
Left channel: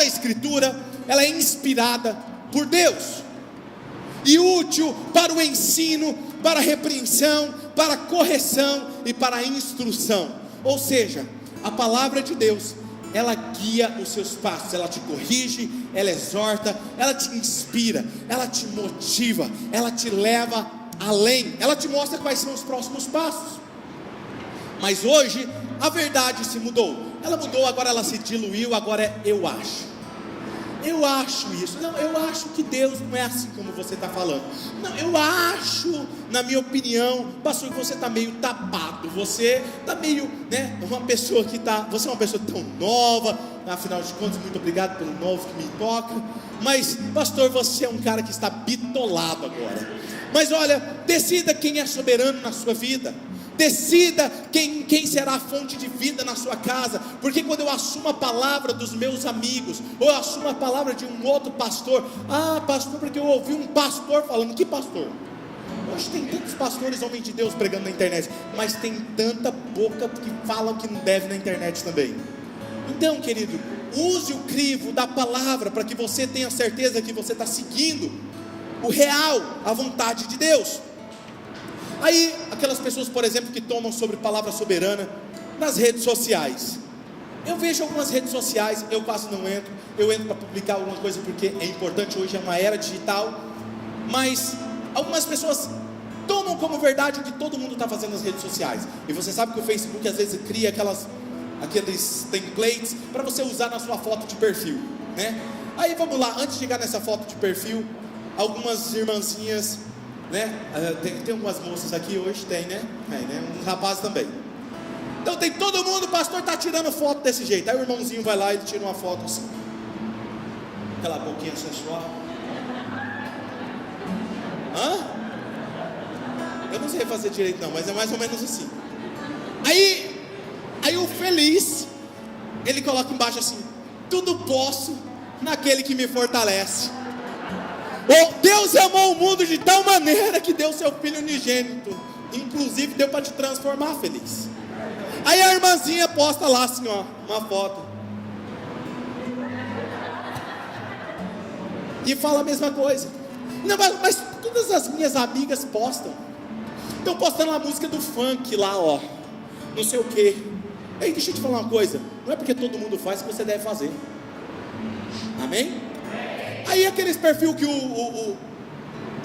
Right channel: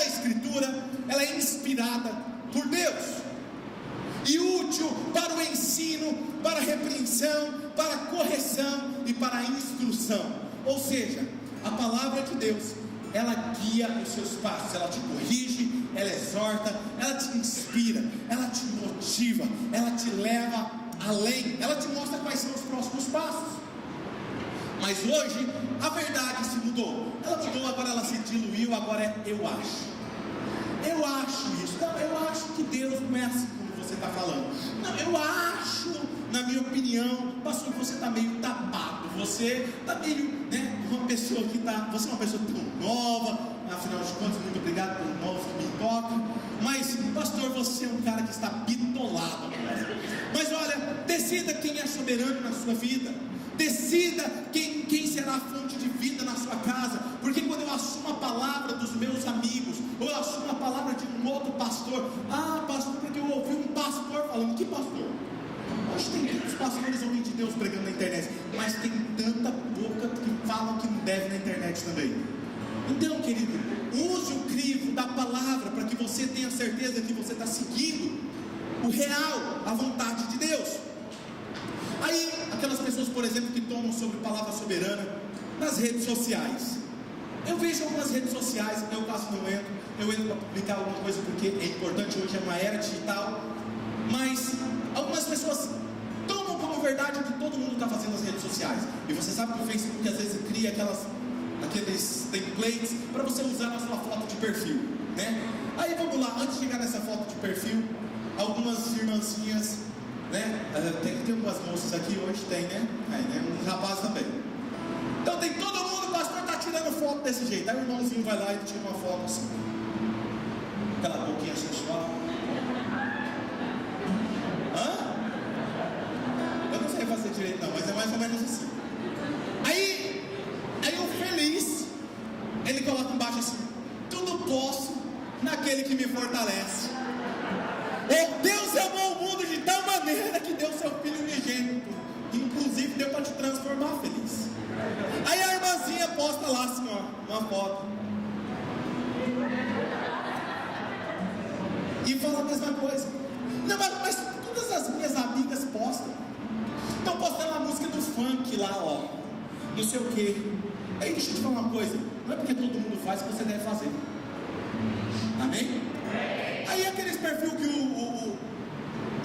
a escritura, ela é inspirada por Deus e útil para o ensino, para a repreensão, para a correção e para a instrução. Ou seja, a palavra de Deus, ela guia os seus passos, ela te corrige, ela exorta, ela te inspira, ela te motiva, ela te leva além, ela te mostra quais são os próximos passos. Mas hoje a verdade se mudou, ela mudou, agora ela se diluiu, agora é eu acho isso, não, eu acho que Deus não é assim como você está falando, não, eu acho, na minha opinião, pastor, que você está meio tapado, você está meio, uma pessoa que está, você é uma pessoa tão nova, afinal de contas, muito obrigado pelos novos que me tocam, mas pastor, você é um cara que está bitolado agora. Mas olha, decida quem é soberano na sua vida, decida quem será a fonte de vida na sua casa, porque quando eu assumo a palavra dos meus amigos, ou eu assumo a palavra de um outro pastor, pastor, porque eu ouvi um pastor falando, que pastor? Acho que tem tantos pastores, homens de Deus, pregando na internet, mas tem tanta boca que fala o que não deve na internet também. Então, querido, use o crivo da palavra, para que você tenha certeza que você está seguindo o real, a vontade de Deus. Aí, aquelas pessoas, por exemplo, que tomam sobre palavra soberana nas redes sociais. Eu vejo algumas redes sociais, eu quase não entro, eu entro para publicar alguma coisa porque é importante, hoje é uma era digital, mas algumas pessoas tomam como verdade o que todo mundo está fazendo nas redes sociais. E você sabe que o Facebook às vezes cria aqueles templates para você usar na sua foto de perfil, né? Aí vamos lá, antes de chegar nessa foto de perfil, algumas irmãzinhas, tem algumas moças aqui hoje, tem, uns rapazes também. Então tem todo mundo, o pastor está tirando foto desse jeito. Aí o irmãozinho vai lá e tira uma foto assim, aquela boquinha sensual. Eu não sei fazer direito não, mas é mais ou menos assim. Aí o feliz, ele coloca embaixo assim: tudo posso naquele que me fortalece. Deus amou o mundo de tal maneira que deu seu filho unigênito, inclusive deu para te transformar feliz. Aí a irmãzinha posta lá assim, uma foto, e fala a mesma coisa. Não, mas todas as minhas amigas postam, estão postando a música do funk lá, não sei o que. Aí deixa eu te falar uma coisa, não é porque todo mundo faz que você deve fazer. Amém? Aí aqueles perfil que o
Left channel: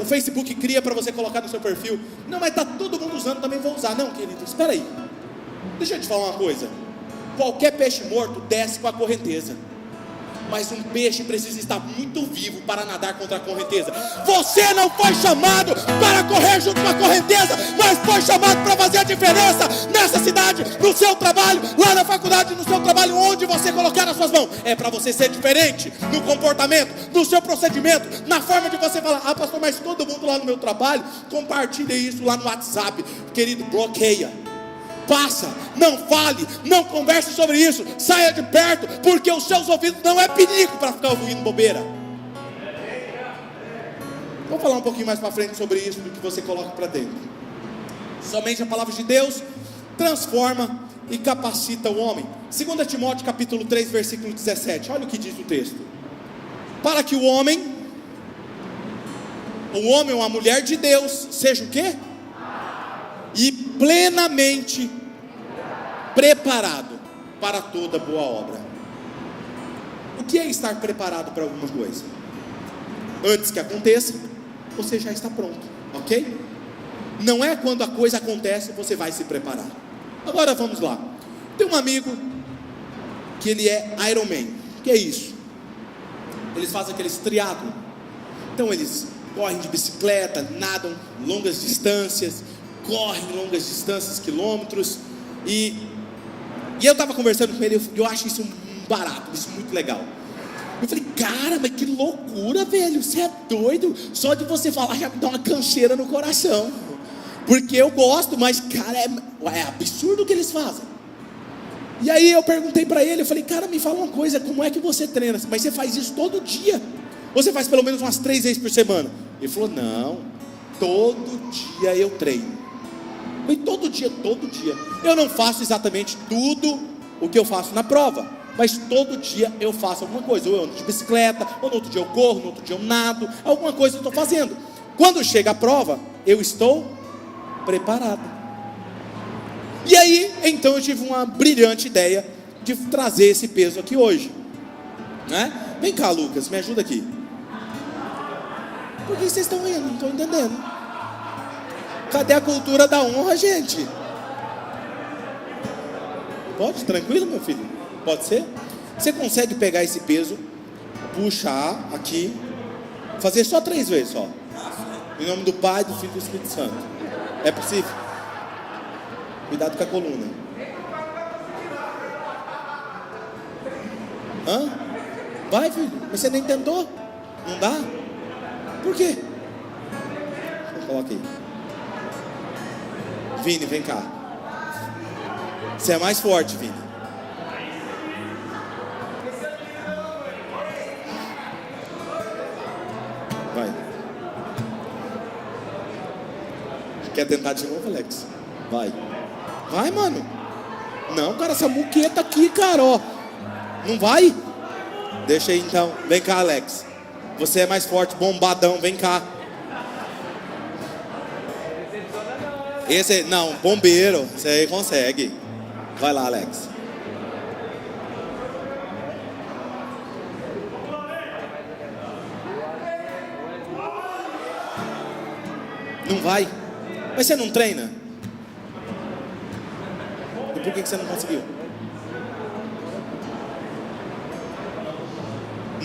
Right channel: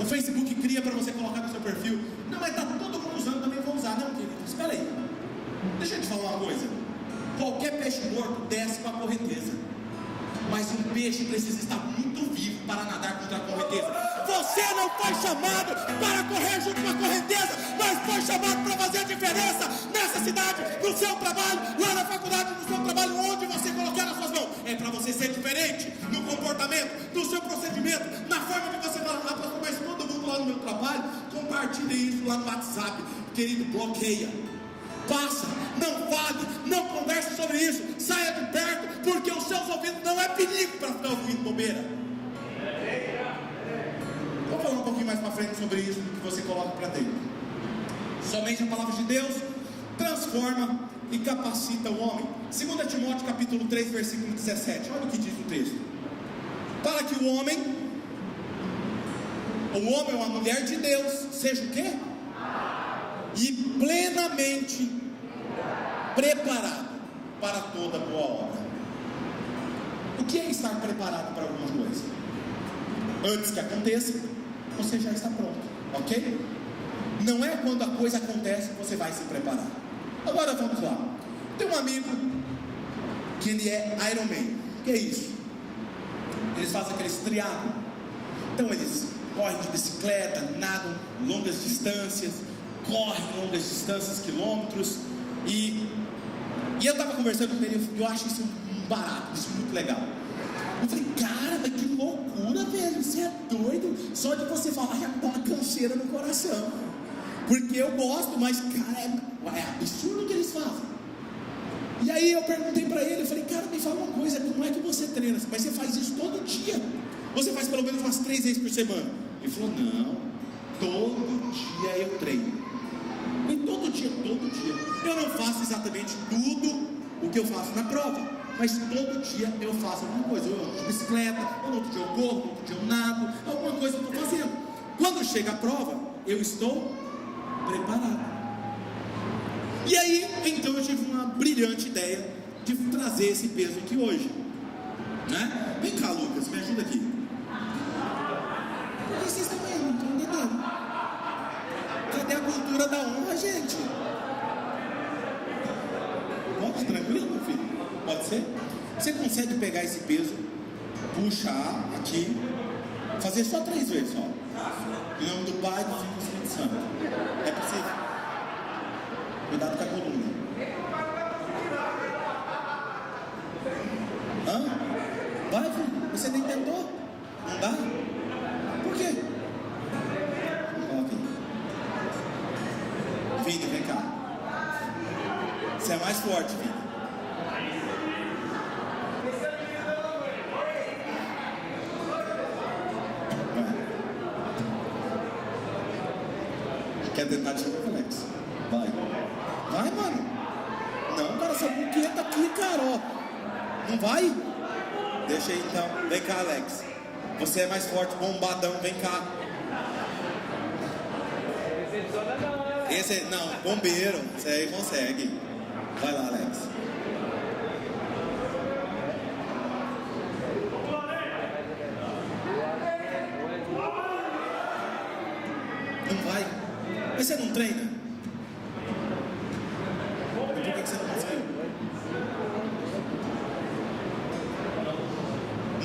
Facebook cria para você colocar no seu perfil, não, mas está todo mundo usando, também vou usar. Não, querido, espera aí, deixa eu te falar uma coisa, qualquer peixe morto desce com a correnteza, mas um peixe precisa estar muito vivo para nadar contra a correnteza. Você não foi chamado para correr junto com a correnteza, mas foi chamado para fazer a diferença nessa cidade, no seu trabalho, lá na faculdade, no seu trabalho, onde você colocar as suas mãos. É para você ser diferente no comportamento, no seu procedimento, na forma de você falar. Pastor, mas todo mundo lá no meu trabalho compartilha isso lá no WhatsApp. Querido, bloqueia, passa, não fale, não converse sobre isso, saia de perto, porque os seus ouvidos não é perigo para ficar ouvindo bobeira. Vou falar um pouquinho mais para frente sobre isso, do que você coloca para dentro. Somente a palavra de Deus transforma e capacita o homem. 2 Timóteo capítulo 3 versículo 17, olha o que diz o texto: para que o homem ou a mulher de Deus seja o quê? E plenamente preparado para toda boa obra. O que é estar preparado para alguma coisa? Antes que aconteça, você já está pronto, ok? Não é quando a coisa acontece você vai se preparar. Agora vamos lá. Tem um amigo que ele é Ironman. O que é isso? Eles fazem aqueles triatlon. Então eles correm de bicicleta, nadam longas distâncias, correm longas distâncias, quilômetros. E eu estava conversando com ele, eu acho isso um barato, isso muito legal. Eu falei, cara, mas que loucura, velho, você é doido? Só de você falar já me dá uma canseira no coração. Porque eu gosto, mas cara, é absurdo o que eles fazem. E aí eu perguntei para ele, eu falei, cara, me fala uma coisa, como é que você treina? Mas você faz isso todo dia? Ou você faz pelo menos umas 3 vezes por semana? Ele falou, não, todo dia eu treino. Eu falei, todo dia. Eu não faço exatamente tudo o que eu faço na prova, mas todo dia eu faço alguma coisa. Eu ando de bicicleta, ou no outro dia eu corro, no outro dia eu nado, alguma coisa eu estou fazendo. Quando chega a prova, eu estou preparado. E aí, então eu tive uma brilhante ideia de trazer esse peso aqui hoje, né? Vem cá, Lucas, me ajuda aqui. Por que vocês estão vendo? Não estou entendendo. Cadê a cultura da honra, gente? Pode? Tranquilo, meu filho? Pode ser? Você consegue pegar esse peso, puxar aqui, fazer só 3 vezes só. Em nome do Pai, do Filho e do Espírito Santo. É possível? Cuidado com a coluna. Hã? Vai, filho. Você nem tentou? Não dá? Por quê? Coloca aqui. Vini, vem cá. Você é mais forte, Vini. Vai. Quer tentar de novo, Alex? Vai. Vai, mano. Não, cara, essa muqueta aqui, cara, ó. Não vai? Deixa aí então. Vem cá, Alex. Você é mais forte, bombadão, vem cá. Esse, não, bombeiro. Você aí consegue. Vai lá, Alex. Não vai? Mas você não treina? E por que você não conseguiu?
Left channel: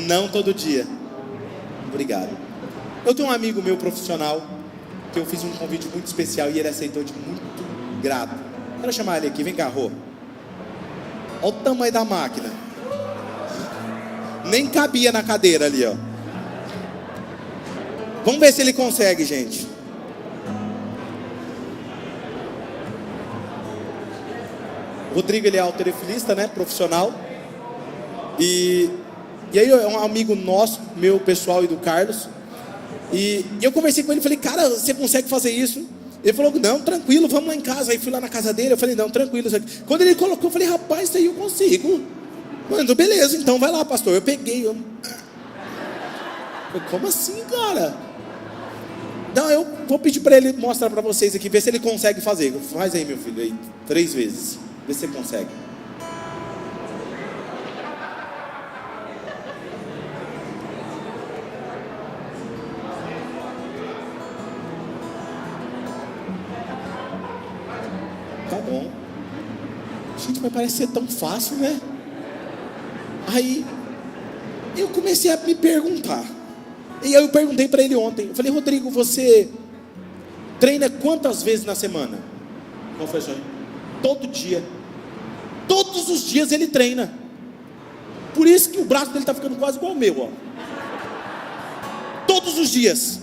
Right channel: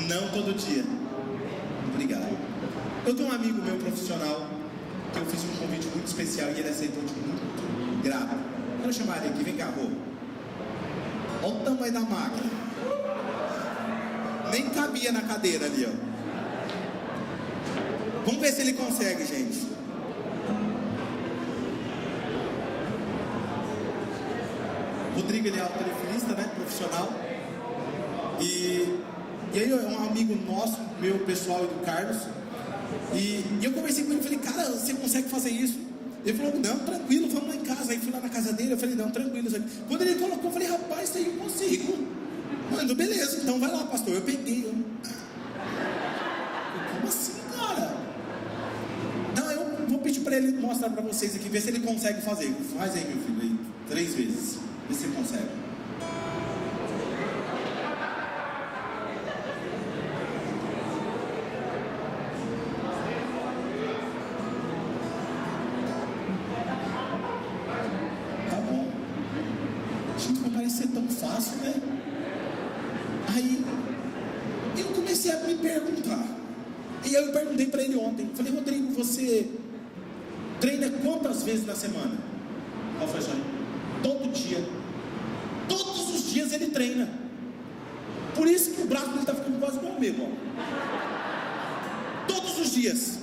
Não todo dia. Obrigado. Eu tenho um amigo meu profissional que eu fiz um convite muito especial e ele aceitou de muito grato. Quero chamar ele aqui, vem cá, Rô. Olha o tamanho da máquina. Nem cabia na cadeira ali, ó. Vamos ver se ele consegue, gente. Rodrigo, ele é halterofilista, né, profissional. E aí é um amigo nosso, meu pessoal e do Carlos. E eu conversei com ele e falei, cara, você consegue fazer isso? Ele falou, não, tranquilo, vamos lá em casa. Aí fui lá na casa dele, eu falei, não, tranquilo. Quando ele colocou, eu falei, rapaz, isso aí eu consigo. Mano, beleza, então vai lá, pastor. Eu peguei, como assim, cara? Não, eu vou pedir para ele mostrar para vocês aqui, ver se ele consegue fazer. Faz aí, meu filho, aí, 3 vezes. Vê se ele consegue. Tá bom. Gente, mas parece ser tão fácil, né? Aí eu comecei a me perguntar. E aí eu perguntei para ele ontem. Eu falei, Rodrigo, você treina quantas vezes na semana? Qual foi a sua? Todo dia. Todos os dias ele treina. Por isso que o braço dele está ficando quase igual o meu, ó. Todos os dias.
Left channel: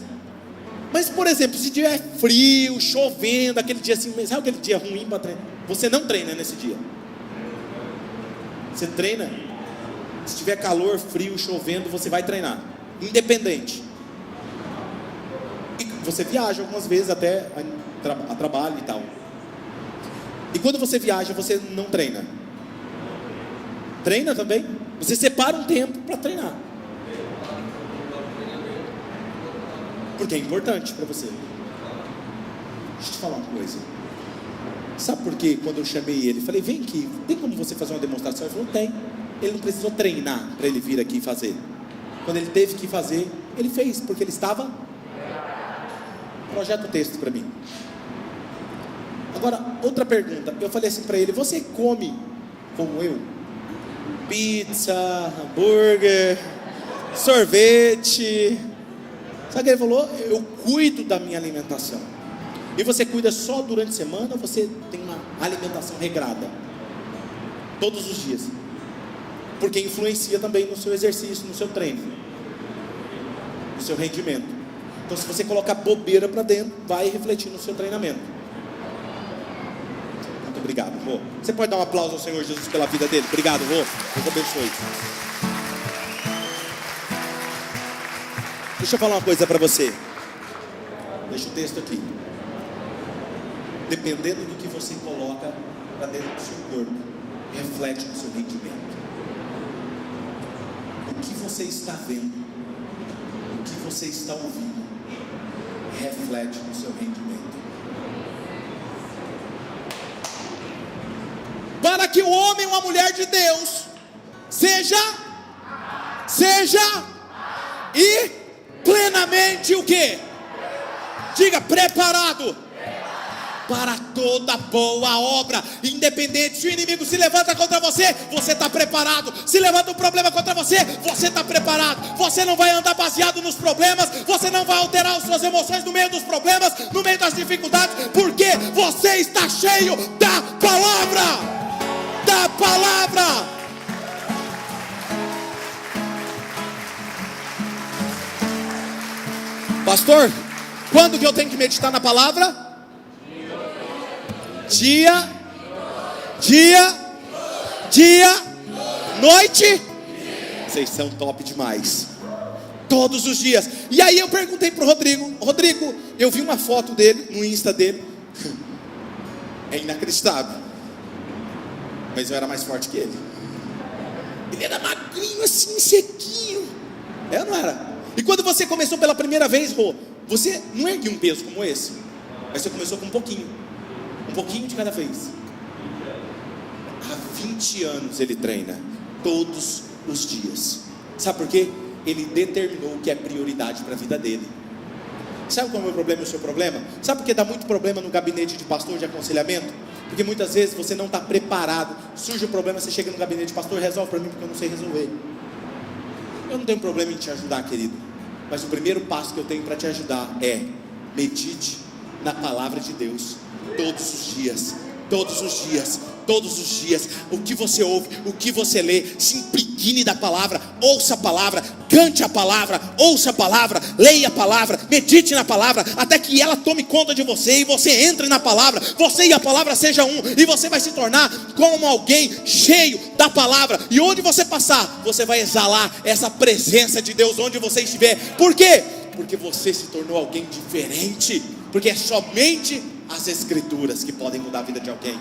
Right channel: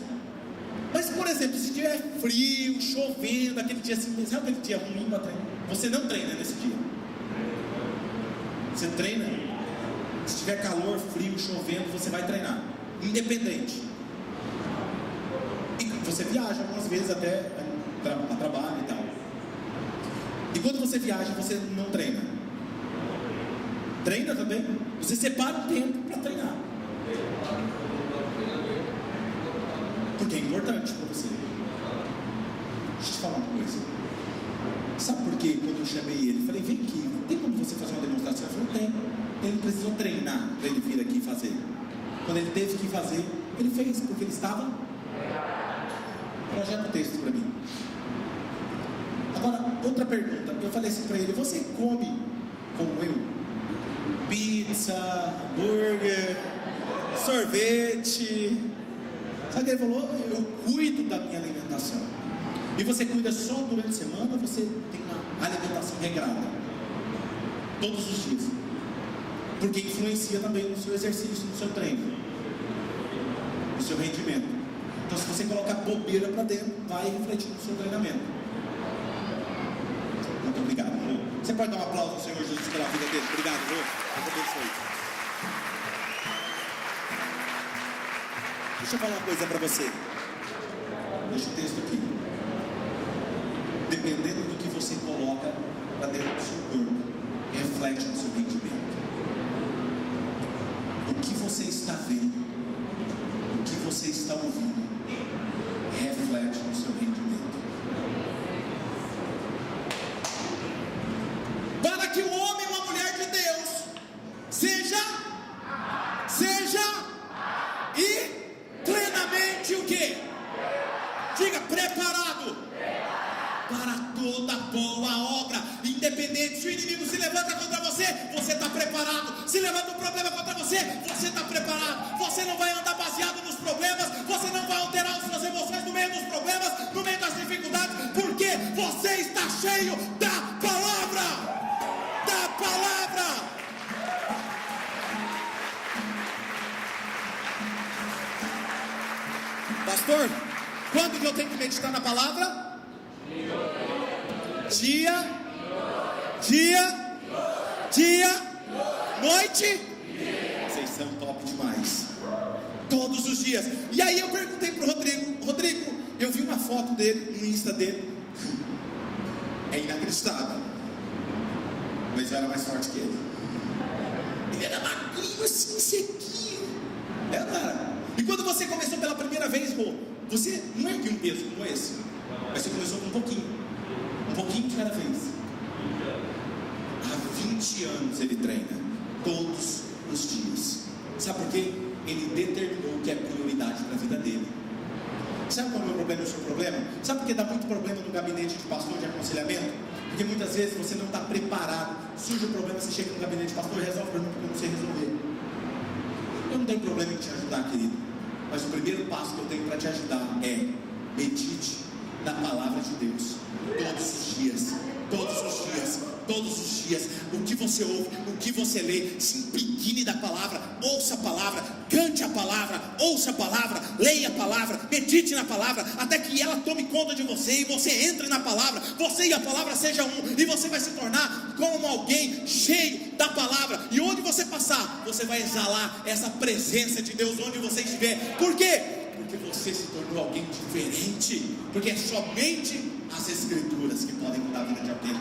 Mas, por exemplo, se tiver frio, chovendo, aquele dia assim, sabe aquele dia ruim para treinar? Você não treina nesse dia. Você treina. Se tiver calor, frio, chovendo, você vai treinar. Independente. E você viaja algumas vezes até a trabalho e tal. E quando você viaja, você não treina? Treina também? Você separa um tempo para treinar. Porque é importante para você. Deixa eu te falar uma coisa. Sabe por quê? Quando eu chamei ele, falei, vem aqui, tem como você fazer uma demonstração? Ele falou, tem. Ele não precisou treinar para ele vir aqui fazer. Quando ele teve que fazer, ele fez, porque ele estava... Projeta o texto para mim. outra pergunta. Eu falei assim para ele: você come como eu? Pizza, hambúrguer, sorvete. Sabe o que ele falou? Eu cuido da minha alimentação. E você cuida só durante a semana, ou você tem uma alimentação regrada? Todos os dias. Porque influencia também no seu exercício, no seu treino, no seu rendimento. Então, se você colocar bobeira para dentro, vai refletir no seu treinamento. Muito obrigado, vô. Você pode dar um aplauso ao Senhor Jesus pela vida dele? Obrigado, vô. Deus abençoe. Deixa eu falar uma coisa para você. Deixa o texto aqui. Dependendo do que você coloca para dentro do seu corpo, reflete no seu rendimento. O que você está vendo, o que você está ouvindo, reflete no seu rendimento. Para que o homem ou a mulher de Deus seja e plenamente o quê? Diga: preparado para toda boa obra. Independente se o inimigo se levanta contra você, você está preparado. Se levanta um problema contra você, você está preparado. Você não vai andar baseado nos problemas, você não vai alterar as suas emoções no meio dos problemas, no meio das dificuldades, porque você está cheio da palavra. Da palavra. Pastor, quando que eu tenho que meditar na palavra? Dia, noite. Vocês são top demais. Todos os dias. E aí eu perguntei pro Rodrigo, eu vi uma foto dele no Insta dele. É inacreditável. Mas eu era mais forte que ele. Ele era magrinho assim, sequinho. Eu não era. E quando você começou pela primeira vez, você não ergueu um peso como esse, mas você começou com um pouquinho de cada vez. Há 20 anos ele treina, todos os dias. Sabe por quê? Ele determinou o que é prioridade para a vida dele. Sabe qual é o meu problema e o seu problema? Sabe por que dá muito problema no gabinete de pastor de aconselhamento? Porque muitas vezes você não está preparado. Surge um problema, você chega no gabinete de pastor: resolve para mim porque eu não sei resolver. Eu não tenho problema em te ajudar, querido, mas o primeiro passo que eu tenho para te ajudar é: medite na palavra de Deus todos os dias. O que você ouve, o que você lê, se impregne da palavra, ouça a palavra, cante a palavra, ouça a palavra, leia a palavra, medite na palavra, até que ela tome conta de você e você entre na palavra, você e a palavra seja um, e você vai se tornar como alguém cheio da palavra, e onde você passar, você vai exalar essa presença de Deus onde você estiver. Por quê? Porque você se tornou alguém diferente, porque é somente as Escrituras que podem mudar a vida de alguém.